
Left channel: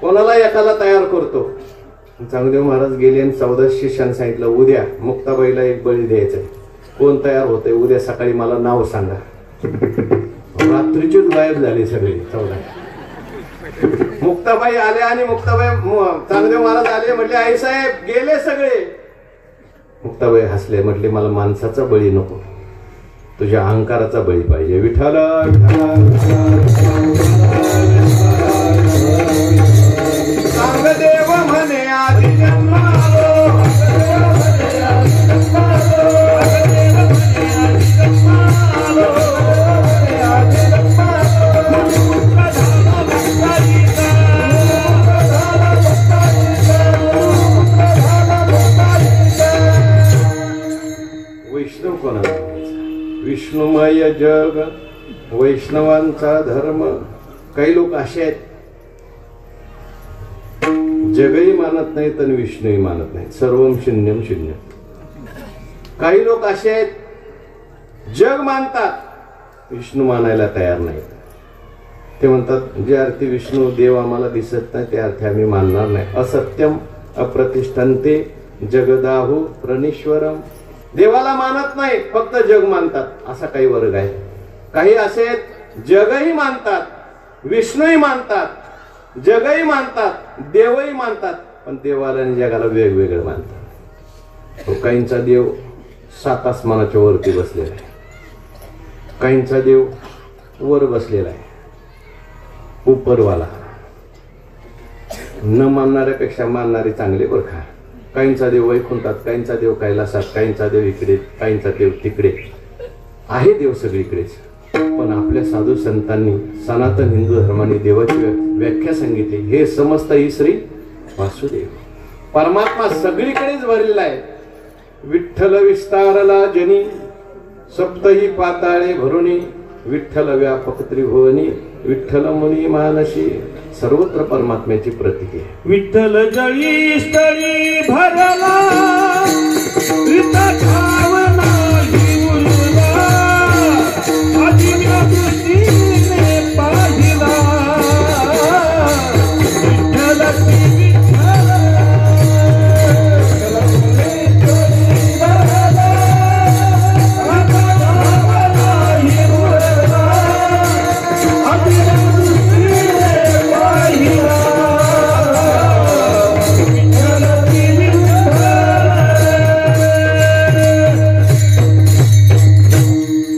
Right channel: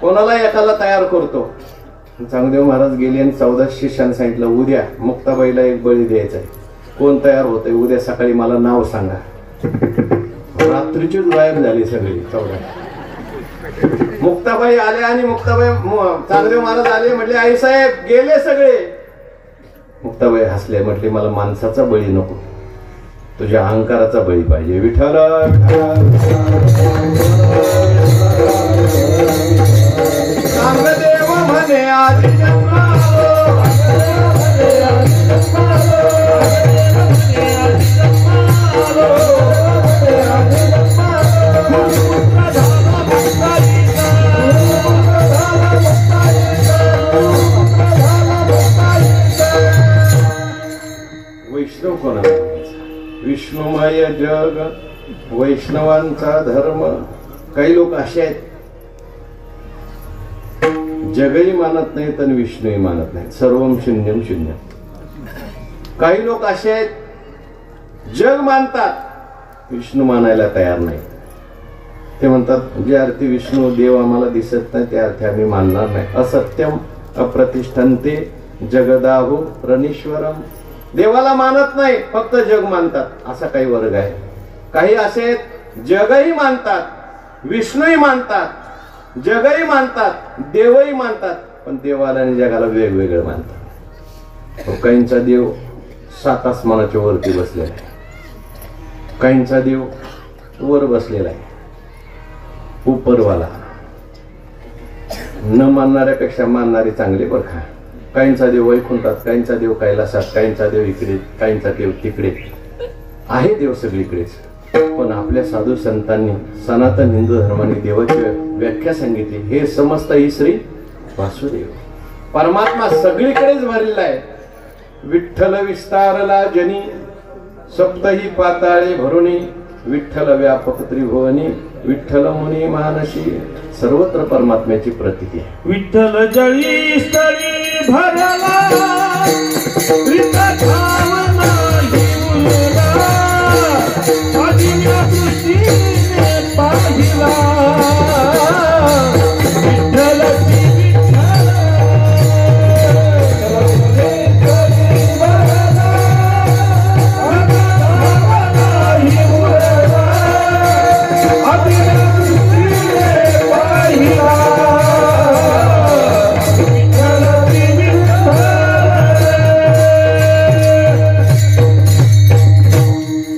कोणाला एकाला तयार करतो. चांगदेव महाराज गेले आणि 14 शिष्यानं सांगितलं, उद्या मुक्ताबाईला एक बळी द्यायचा आहे, कोण तयार होतंय उद्या सकाळी मला नाव सांगा. रात्रीचीच गायब झाली सगळी 14. मुक्ताबाई आल्या आणि मुक्ताबाई चांगदेव महाराज आले, म्हटले आई साहेब गेले सगळे. मुक्ताबाई हसले, म्हटले मला माणसाचा बळी नको, तुझ्या अहंकाराचा बळी पाहिजे. विठाला चांगदेव म्हणे आधी वैष्णव कोणाला, विष्णुमय जग वैष्णवांचा धर्म. काही लोक असे आहेत जगही मानत नाहीत आणि विष्णूही मानत नाहीत, सर्वम शून्यम शून्य. काही लोक असे आहेत जग मानतात विष्णू मानायला तयार नाहीत. ते म्हणतात जे अर्थी विष्णू देव आम्हाला दिसत नाही त्या अर्थी आम्ही मानणार नाही. असत्यम अप्रतिष्ठन्ते जगदाहु प्रणीश्वरम. देवाला मानत नाही, फक्त जग मानतात, असा काही वर्ग आहे. काही असे जगही मानतात विष्णूही मानतात, जगही मानतात देवही मानतात, पण देवाला आणि जगाला वेगवेगळं मानतात. काहींचा देव 7 आसमानाच्या वरती बसलेला आहे, काहींचा देव वर बसलेला आहे उपरवाला. न मानणाऱ्यापेक्षा मानणारी चांगली बरखा. काहींचा देव वैकुंठात, काहींचा देव कैलासात, काहींचा देव इकडे, काहींचा देव तिकडे आहे. देव सगळीकडेच. पण आपल्या साधू संतांनी सनातन हिंदू धर्माने देवाची व्याख्या सांगितली, हे समस्त ही श्री वासुदेव. परमात्मा सगळीकडेच भरलेला आहे. विठ्ठल विस्तारला जनी सप्तही पाताळे भरुनी, विठ्ठल व्यापक त्रिभुवनी, विठ्ठल मुनी मानसी. सर्वत्र परमात्म्याची प्रतीती आहे. विठ्ठल जळी स्थळी भरला विठ्ठलावना हिवला, अजिंक्य दृष्टीने पाहिला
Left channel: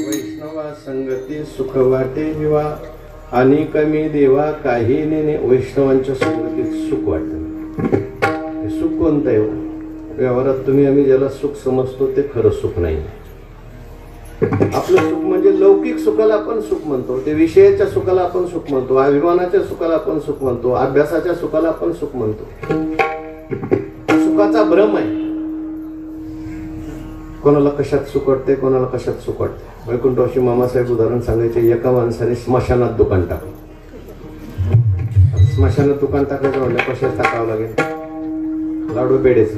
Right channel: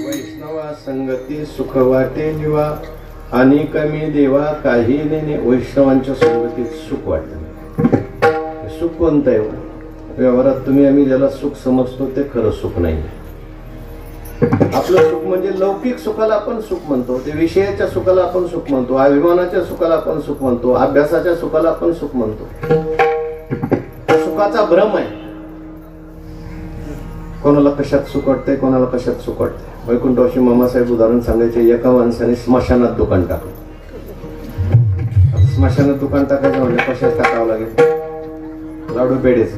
विठ्ठलची सुख वाटे जीवा आणि कमी देवा काही नेणे. वैष्णवांच्या संगतीत सुख वाटत. सुख कोणतं आहे? व्यवहारात तुम्ही आम्ही ज्याला सुख समजतो ते खरं सुख नाही. आपलं सुख म्हणजे लौकिक सुखाला आपण सुख म्हणतो, ते विषयाच्या सुखाला आपण सुख म्हणतो, अभिमानाच्या सुखाला आपण सुख म्हणतो, अभ्यासाच्या सुखाला आपण सुख म्हणतो. सुखाचा भ्रम आहे. कोणाला कशात सुख वाटतंय, कोणाला कशात सुख वाटतंय. वैकुंठवासी मामासाहेब उदाहरण सांगायचे. एका माणसाने स्मशानात दुकान टाकलं. स्मशानात दुकान टाकायचं म्हणजे कशात टाकावं लागेल? लाडू पेढेचं.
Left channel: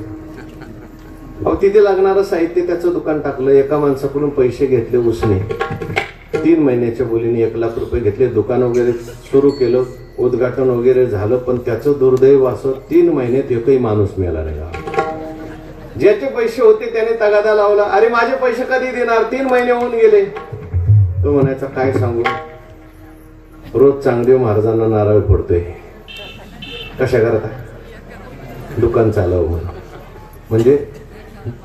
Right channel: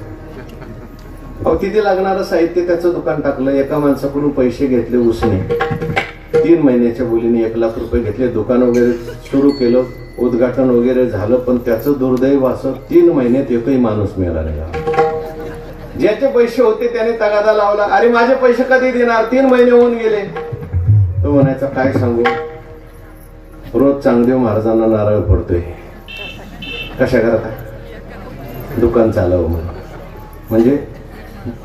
अहो तिथे लागणारं साहित्य त्याचं दुकान टाकलं. एका माणसाकडून पैसे घेतले उसने. 3 महिन्याच्या बोलीने 1 लाख रुपये घेतले. दुकान वगैरे सुरू केलं, उद्घाटन वगैरे झालं. पण त्याचं दुर्दैव असं 3 महिन्यात एकही माणूस मिळाला नाही. ज्याचे पैसे होते त्याने तगादा लावला. अरे माझे पैसे कधी देणार? 3 महिने होऊन गेले. तो म्हणायचा काय सांगू, रोज चांगदेव महाराजांना नारळ पडतोय. कशा करता? दुकान चालवं म्हणजे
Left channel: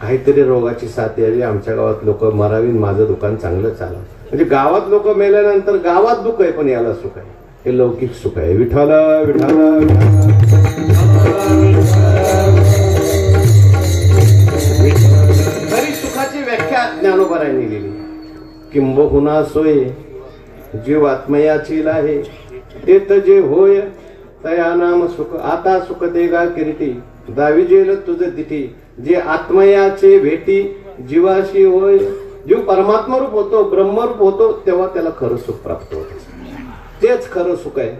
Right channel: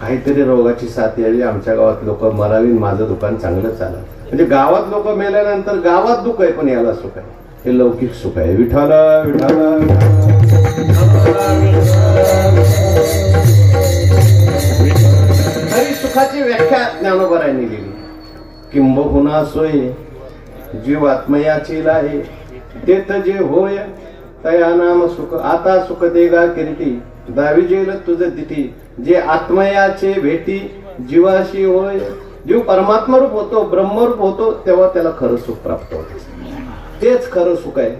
काहीतरी रोगाची साथ यावी, आमच्या गावात लोक मरावी, माझं दुकान चांगलं चालव. म्हणजे गावात लोक मेल्यानंतर गावात दुःख आहे पण याला सुख आहे. हे लौकिक सुख आहे. विठाला विठाला सुखाची व्याख्या ज्ञानोबारायांनी लिहिली. किंबहुना सोय जीव आत्मयाची आहे, तेथ जे होय तया नाम सुख. आता सुख देगा किरीटी, दावी जेल तुझ तिठी. जे आत्मयाचे भेटी जीवाशी होय. जीव परमात्मा रूप होतो, ब्रह्मरूप होतो, तेव्हा त्याला खरं सुख प्राप्त होतं. तेच खरं सुख आहे.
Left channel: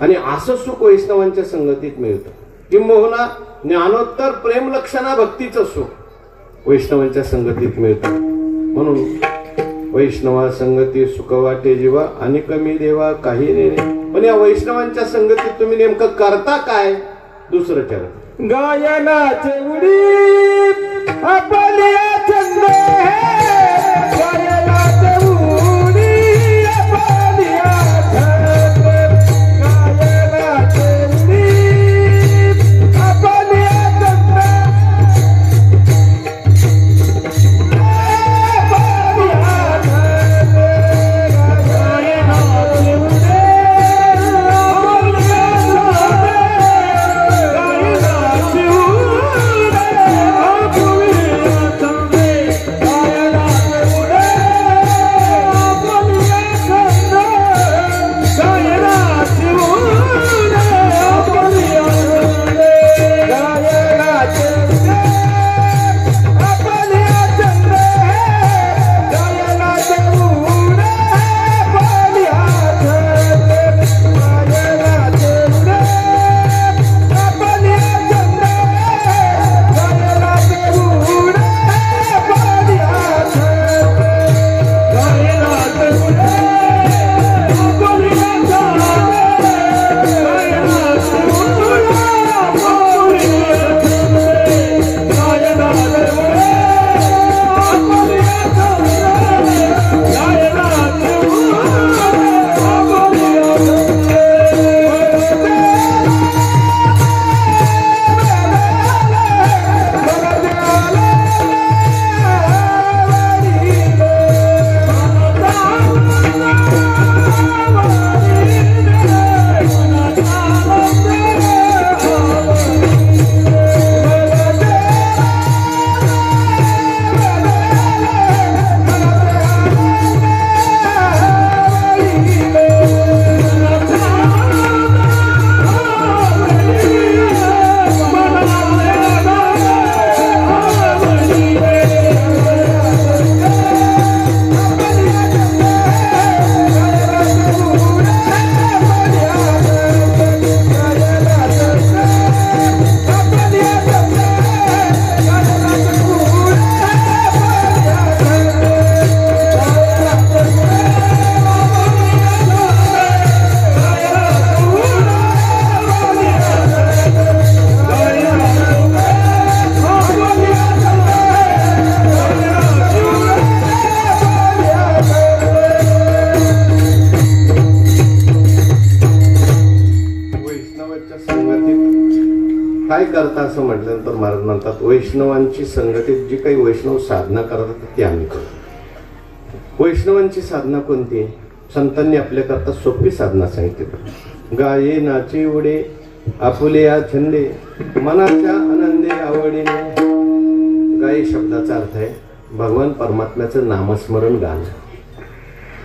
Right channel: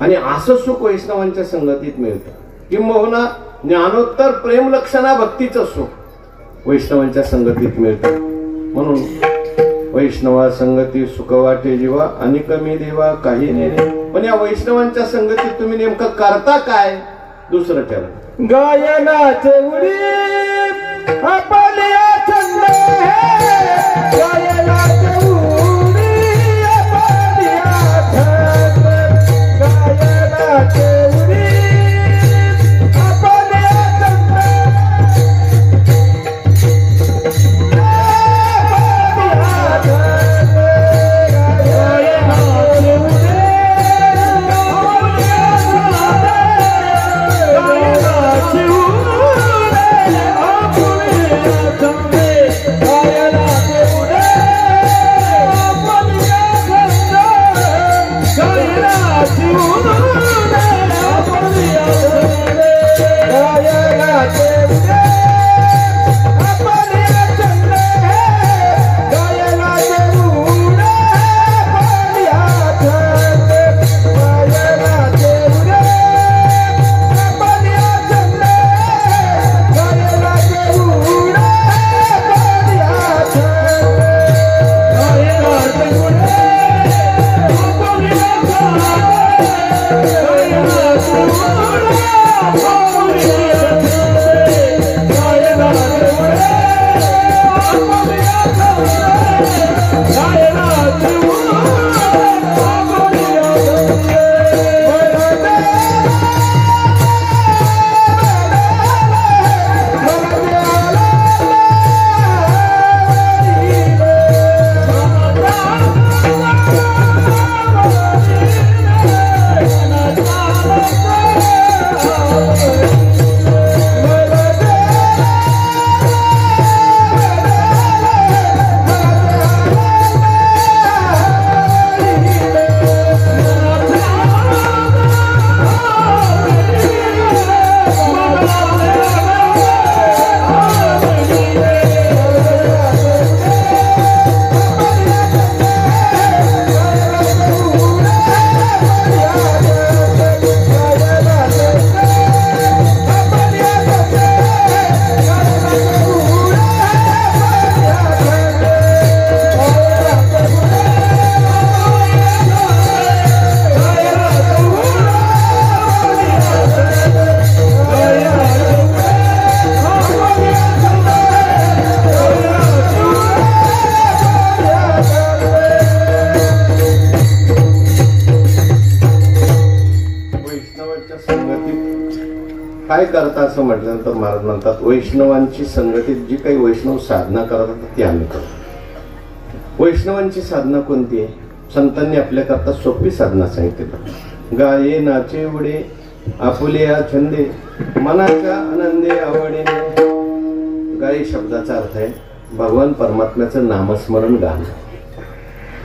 आणि असं सुख वैष्णवांच्या संगतीत मिळतं. किंबहुना ज्ञानोत्तर प्रेम लक्षणा भक्तीचं सुख वैष्णवांच्या संगतीत मिळतं. म्हणून वैष्णवा संगती सुख वाटे जीवा आणि कमी देवा काही नेणे. पण या वैष्णवांच्या संगतीत तुम्ही नेमकं करता काय? दुसरं ठरव. गायनाचे उडी आपल्या छंद, गायनाचे उडी आपल्या छंद, गायनाचे उडी आपल्या छंद काय करता असं म्हटल्यानंतर महाराज म्हणतात वैष्णवांची संघटित जी काही वैष्णव साधना करतात ती आम्ही करतो. वैष्णवांची साधना कोणती आहे? संतांनी आपल्याकरता सोपी साधना सांगितली. गाये नाचे उडे आपुलिया छंदे मनाच्या आनंदे आवडीने. गाये शब्दाचा अर्थ आहे भगवान परमात्म्याचं नामस्मरण गाणं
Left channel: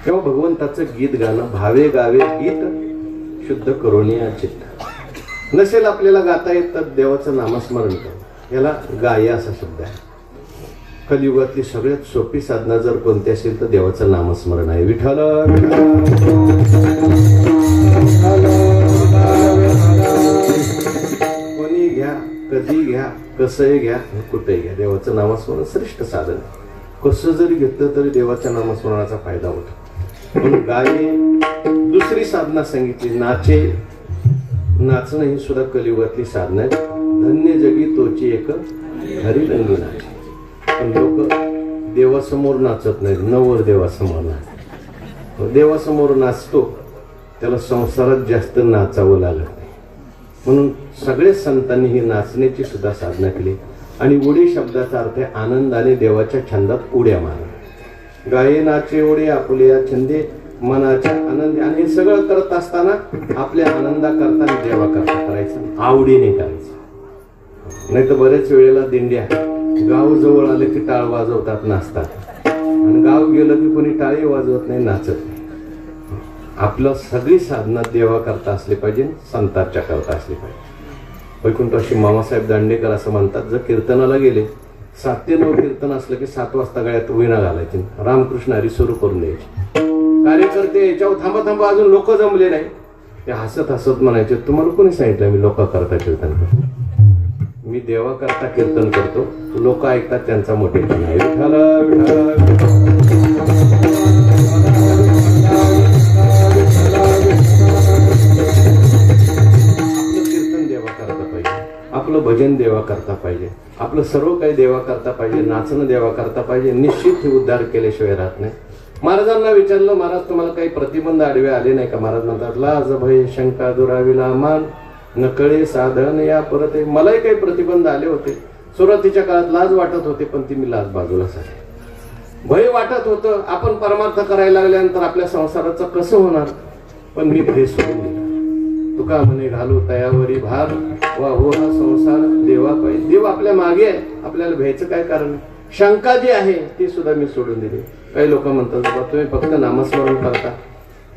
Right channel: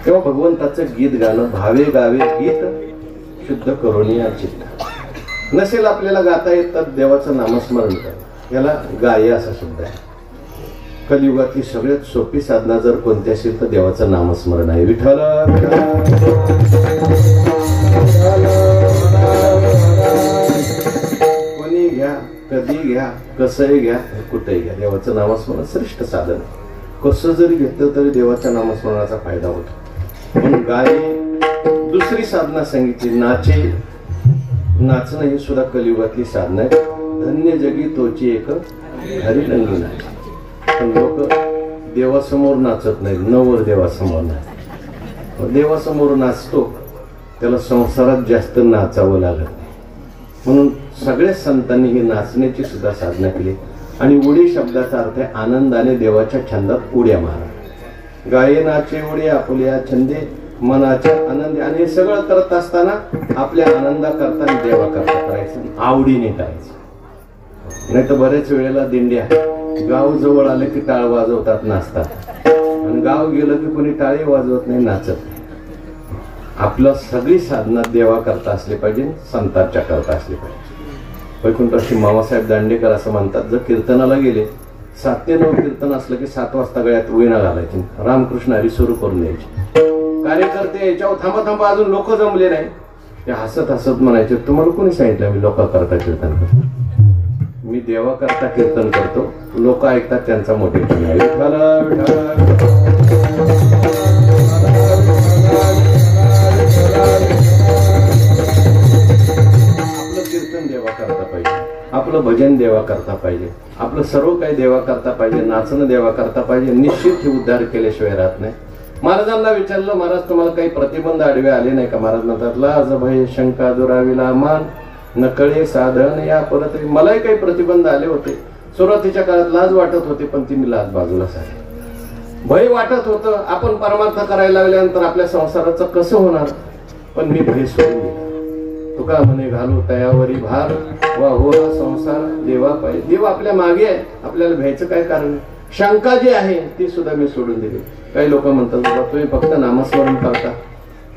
किंवा भगवंताचं गीत गाणं. भावे गावे गीत शुद्ध करुणिया चित्त. नसेल आपल्याला गाता येत तर देवाचं नामस्मरण कर, याला गाय असा शब्द आहे. कलियुगातली सगळ्यात सोपी साधना जर कोणती असेल तर देवाचं नामस्मरण आहे. विठ्ठल कोणी घ्या, कधी घ्या, कसंही घ्या, कुठेही घ्या, देवाचं नामस्मरण श्रेष्ठ साधन आहे. कसं जरी घेतलं तरी देवाच्या नामस्मरणाचा फायदा होतो. म्हणून गाये दुसरी साधना सांगितली. नाचे, नाचणं ही सुद्धा कलियुगातली साधना आहे. धन्य जगी तोची एक घरी रंगी नाच. पण लोक देवासमोर नाचत नाहीत, नवर देवासमोर नाचतात. देवासमोर नाचतो त्याला संसारात जास्त नाचावं लागत नाही. म्हणून सगळ्या संतांनी ही नाचण्याची सुद्धा साधना केली. आणि उडी शब्दाचा अर्थ आहे आनंदाने देवाच्या छंदात उड्या मारा. गाये नाचे उडी आपुलिया छंदे मनाच्या आनंदी. आणि हे सगळं करत असताना आपल्या आनंदा करता देवा करता करायचं, आवडीने करायचं. नाही तर बरेच वेळेला दिंड्या गाव जवळ आले की टाळ वाजवतात, नाचतात. आणि गाव गेलं की कोणी टाळी वाजवत नाही, नाचत नाही. आपलं सगळी साधना देवा करता असली पाहिजे, संतांच्या करता असली पाहिजे. वैकुंठराशी मामासाहेब दांडेकर असं म्हणतात, जर कीर्तनाला गेले 7 ते 9 कीर्तन असलं की 7 वाजता गळ्यात वीणा घालायची, रामकृष्ण हरी सुरू करून द्यायचे. कार्यकर्ते याच्यावर थांबा थांबा अजून लोक जमले नाही, ते हसत हसत म्हणायचे तुम्हाला कोणी सांगितलं मी लोक करता कीर्तन करतो? मी देवा करता कीर्तन करतो, लोक ऐकतात त्यांचा मोठेपणा आहे. आपलं कीर्तन देवा करता पाहिजे, आपलं भजन देवा करता पाहिजे, आपलं सर्व काही देवा करता पाहिजे, नाचणं देवा करता पाहिजे. निश्चित ही उद्धार केल्याशिवाय राहत नाही. महाराजांना विचारलं, महाराज तुम्हाला काही प्रतिबंध आडवे आले नाही का? महाराज म्हणतात लाज भय शंका दुराविला मान नकळे साधन या परत. मलाही काही प्रतिबंध आले होते. सुरुवातीच्या काळात लाज वाटत होते, पण ती मी लाज बाजूला सांगितली. भय वाटत होतं, आपण परमार्थ करायला लागल्यानंतर आपल्या संसाराचं कसं होणार, पण मी भय सोडून दिला. तुका म्हणे घालू तयावरी भार वा हो संसार देवा पाहिजे. देव आपल्या मागे आहे, आपल्याला भ्यायचं काय कारण? शंका जी आहे ती सुद्धा मी सोडून दिली. काही लोक म्हणतात बाबा तुम्ही फक्त नामस्मरण करता,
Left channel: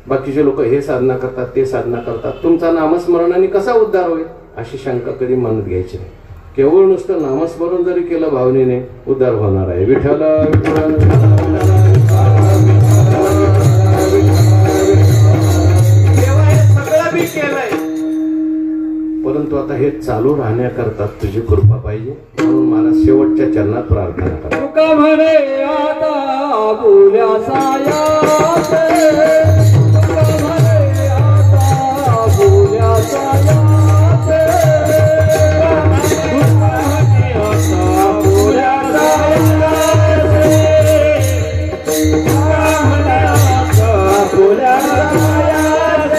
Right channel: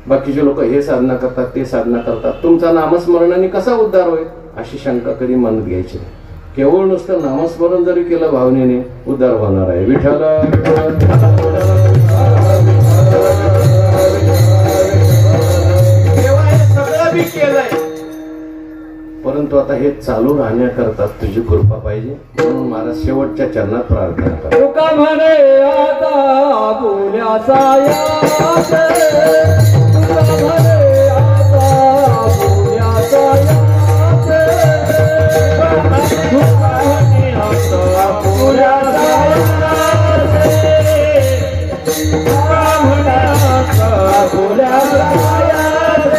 बाकीचे लोक हे साधना करतात ते साधना करतात, तुमचा नामस्मरणाने कसा उद्धार होईल? अशी शंका कधी मनात घ्यायची नाही. केवळ नुसतं नामस्मरण जरी केलं भावनेने उद्धार होणार आहे. विठ्ठल देवा हे सगळं मी केलंय, परंतु आता हे चालू राहण्याकरता तुझी कृपा पाहिजे. म्हणून महाराज शेवटच्या चरणात प्रार्थना करा. तुका म्हणे आता बोल्याचा यास, तुका म्हणे आता बोल्याचा यास, तुका म्हणे आता बोल्याचा यास, तुका म्हणे आता बोल्याचा यास.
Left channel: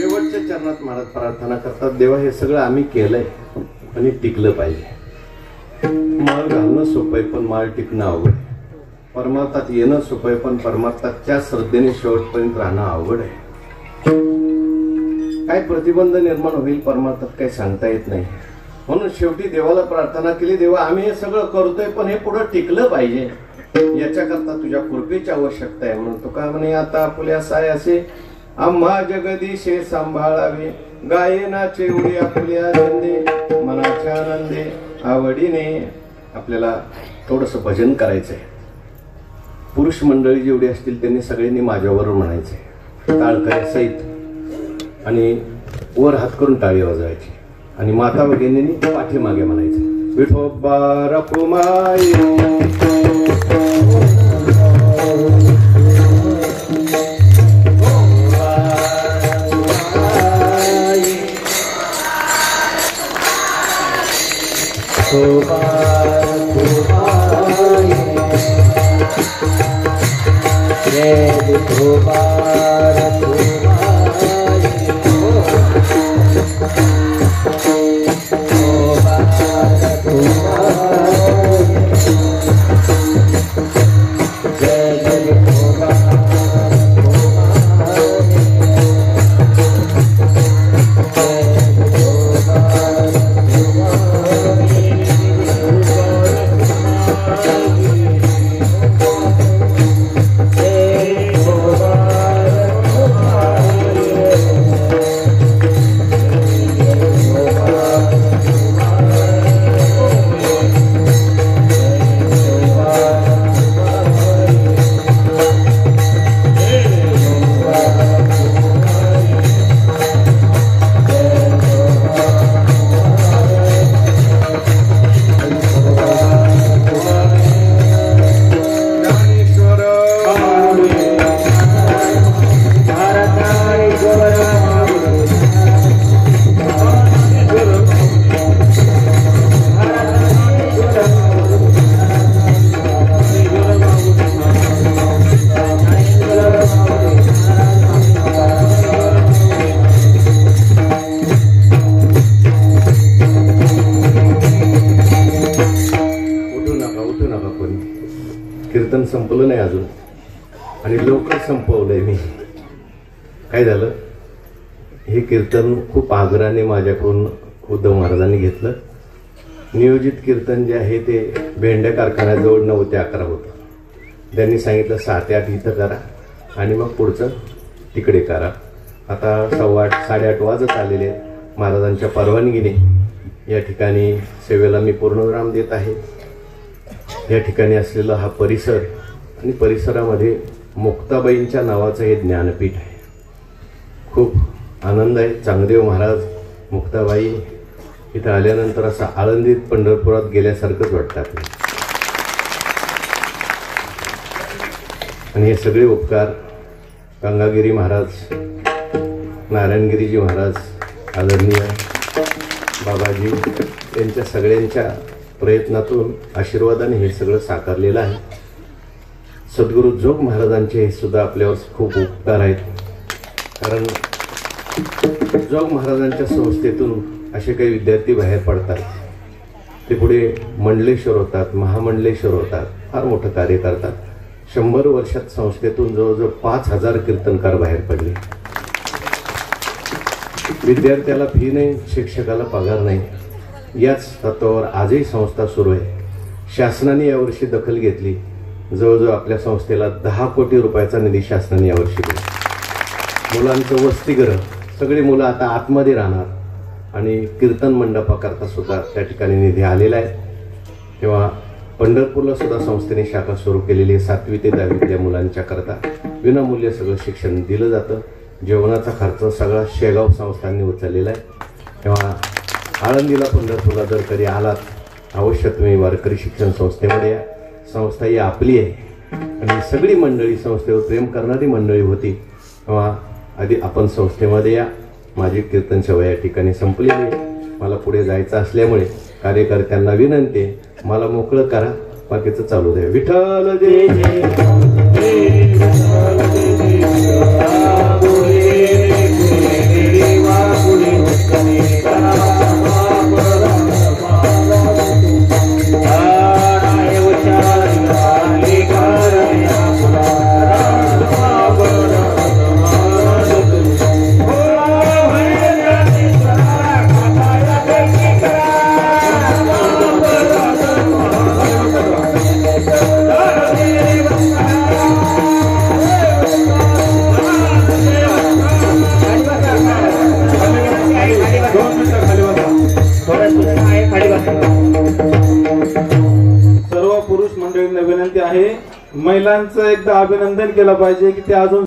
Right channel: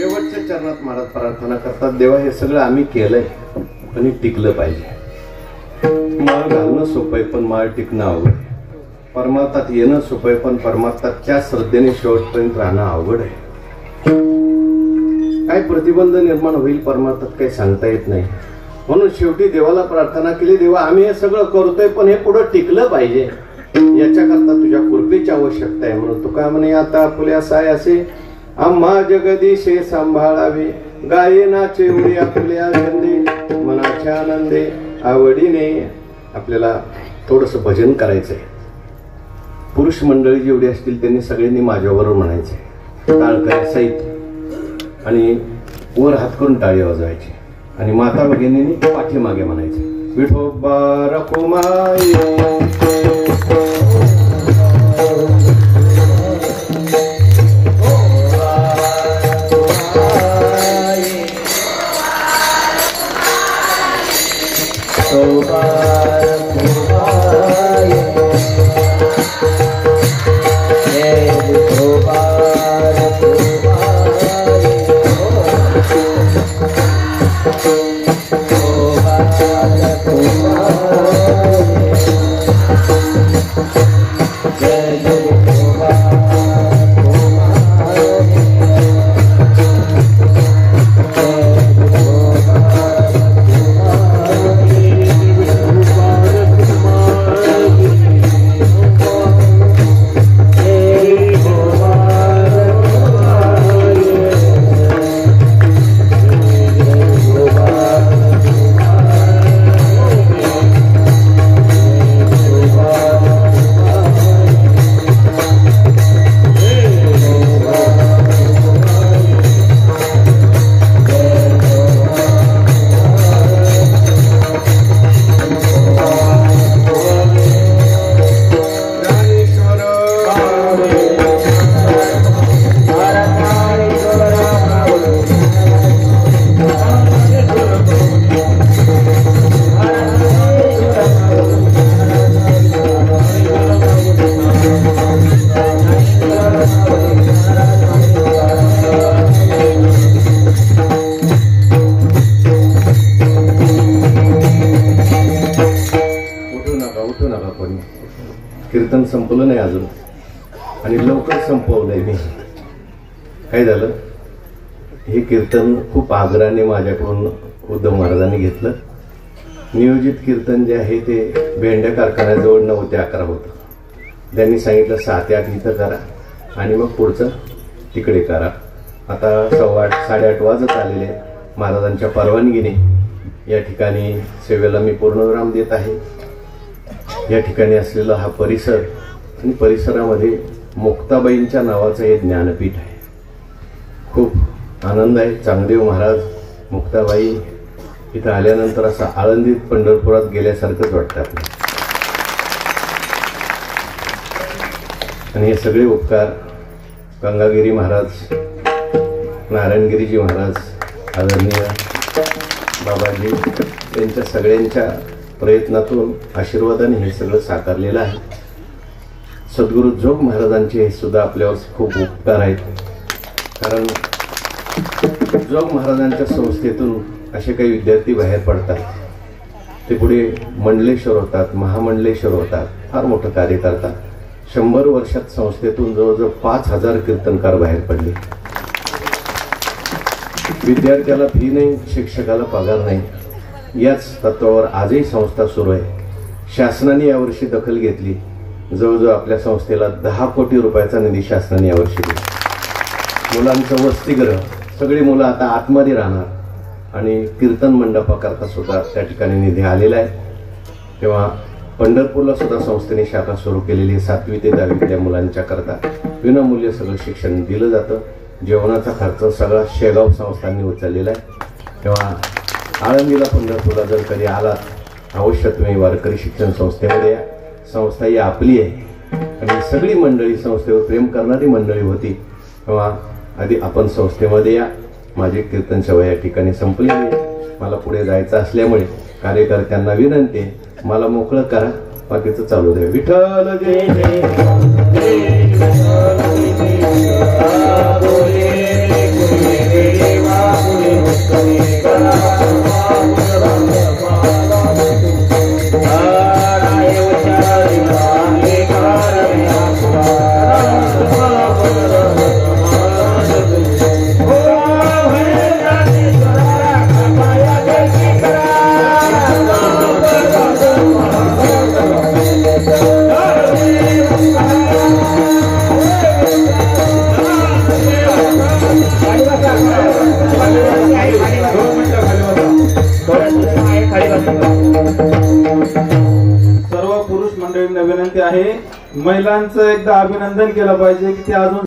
जगतीचे प्रार्थना करतात देवा हे सगळं आम्ही केलंय आणि टिकलं पाहिजे. माळ घालणं सोपं आहे पण माळ टिकणं अवघड आहे. परमार्थात येणं सोपं आहे पण परमार्थाच्या श्रद्धेने शेवटपर्यंत राहणं अवघड आहे. काय प्रतिबंध निर्माण होईल परमार्थात काही सांगता येत नाही. म्हणून शेवटी देवाला प्रार्थना केली, देवा आम्ही हे सगळं करतोय पण हे पुढं टिकलं पाहिजे, याच्याकरता तुझ्या कृपेची आवश्यकता आहे. म्हणून तुका म्हणे आता आपल्या साय असे आम्हा जगदीशे सांभाळावे. गाये नाचे उडी आपल्या आनंदे मनाच्या आनंदे आवडीने. आपल्याला थोडस भजन करायचंय. पुरुष मंडळी जेवढी असतील त्यांनी सगळ्यांनी माझ्याबरोबर म्हणायचे टाळकऱ्या सहित आणि वर हात करून टाळी वाजवायची आणि माता भगिनींनी पाठीमागे म्हणायचे विठोबा रखुमाई कीर्तन संपलं नाही अजून आणि लवकर संपवलंय मी. काय झालं, हे कीर्तन खूप आग्रहाने माझ्याकडून उद्धव महाराजांनी घेतलं. नियोजित कीर्तन जे आहे ते भेंड्या कारखान्याजवळ 9 ते 11 होतं. त्यांनी सांगितलं 6 ते 8 इथं करा आणि मग पुढचं तिकडे करा. आता 7:15 8:30 वाजत आलेले. महाराजांच्या परवानगीने या ठिकाणी सेवेला मी पूर्णविराम देत आहे. या ठिकाणी असलेला हा परिसर आणि परिसरामध्ये मुक्ताबाईंच्या नावाचं हे ज्ञानपीठ आहे. खूप आनंद आहे. चांगदेव महाराज, मुक्ताबाई इथं आल्यानंतर असं आळंदीत पंढरपुरात गेल्यासारखंच वाटतं आपल्याला. आणि हे सगळे उपकार गंगागिरी महाराज, नारायणगिरीजी महाराज, आदरणीय बाबाजी यांच्या सगळ्यांच्या प्रयत्नातून आशीर्वादाने हे सगळं साकारलेलं आहे. सद्गुरू जोग महाराजांचे हे सुद्धा आपल्यावर खूप उपकार आहेत. कारण जोग महाराजांच्या संस्थेतून असे काही विद्यार्थी बाहेर पडतात, ते पुढे मंडलेश्वर होतात, महामंडलेश्वर होतात, फार मोठं कार्य करतात. 100 वर्षात संस्थेतून जवळजवळ 5000 कीर्तनकार बाहेर पडले. विद्यार्थ्याला फी नाही, शिक्षकाला पगार नाही. याच तत्वावर आजही संस्था सुरू आहे. शासनाने यावर्षी दखल घेतली. जवळजवळ आपल्या संस्थेला 10 कोटी रुपयाचा निधी शासनाने यावर्षी दिला. मुलांचं वसतिगृह, सगळी मुलं आता आतमध्ये राहणार आणि कीर्तन मंडपाकरता सुद्धा त्या ठिकाणी निधी आलेला आहे. तेव्हा पंढरपूरला सुद्धा संस्थेने शाखा सुरू केलेली. 7वी ते 10वीतल्या मुलांच्या करता विनामूल्य सगळं शिक्षण दिलं जातं. जेवणाचा खर्च सगळा शेगाव संस्थांनी उचललेला आहे. तेव्हा आळंदीला पंढरपूरला जर कधी आलात अवश्य तुम्ही वारकरी शिक्षण संस्थेमध्ये या. संस्था ही आपली आहे आणि सगळी मंडळी संस्थेवर प्रेम करणारी मंडळी होती. तेव्हा आधी आपण संस्थेमध्ये या. माझी कीर्तन सेवा या ठिकाणी संपलेली आहे. मला पुढे जायचं असल्यामुळे कार्यकर्त्यांना विनंती आहे, मला मोकळं करा, बाकीचं चालू द्या. विठ्ठल जय जय. Hey! विनंती आहे, महिलांचं एकदा अभिनंदन केलं पाहिजे की ते अजून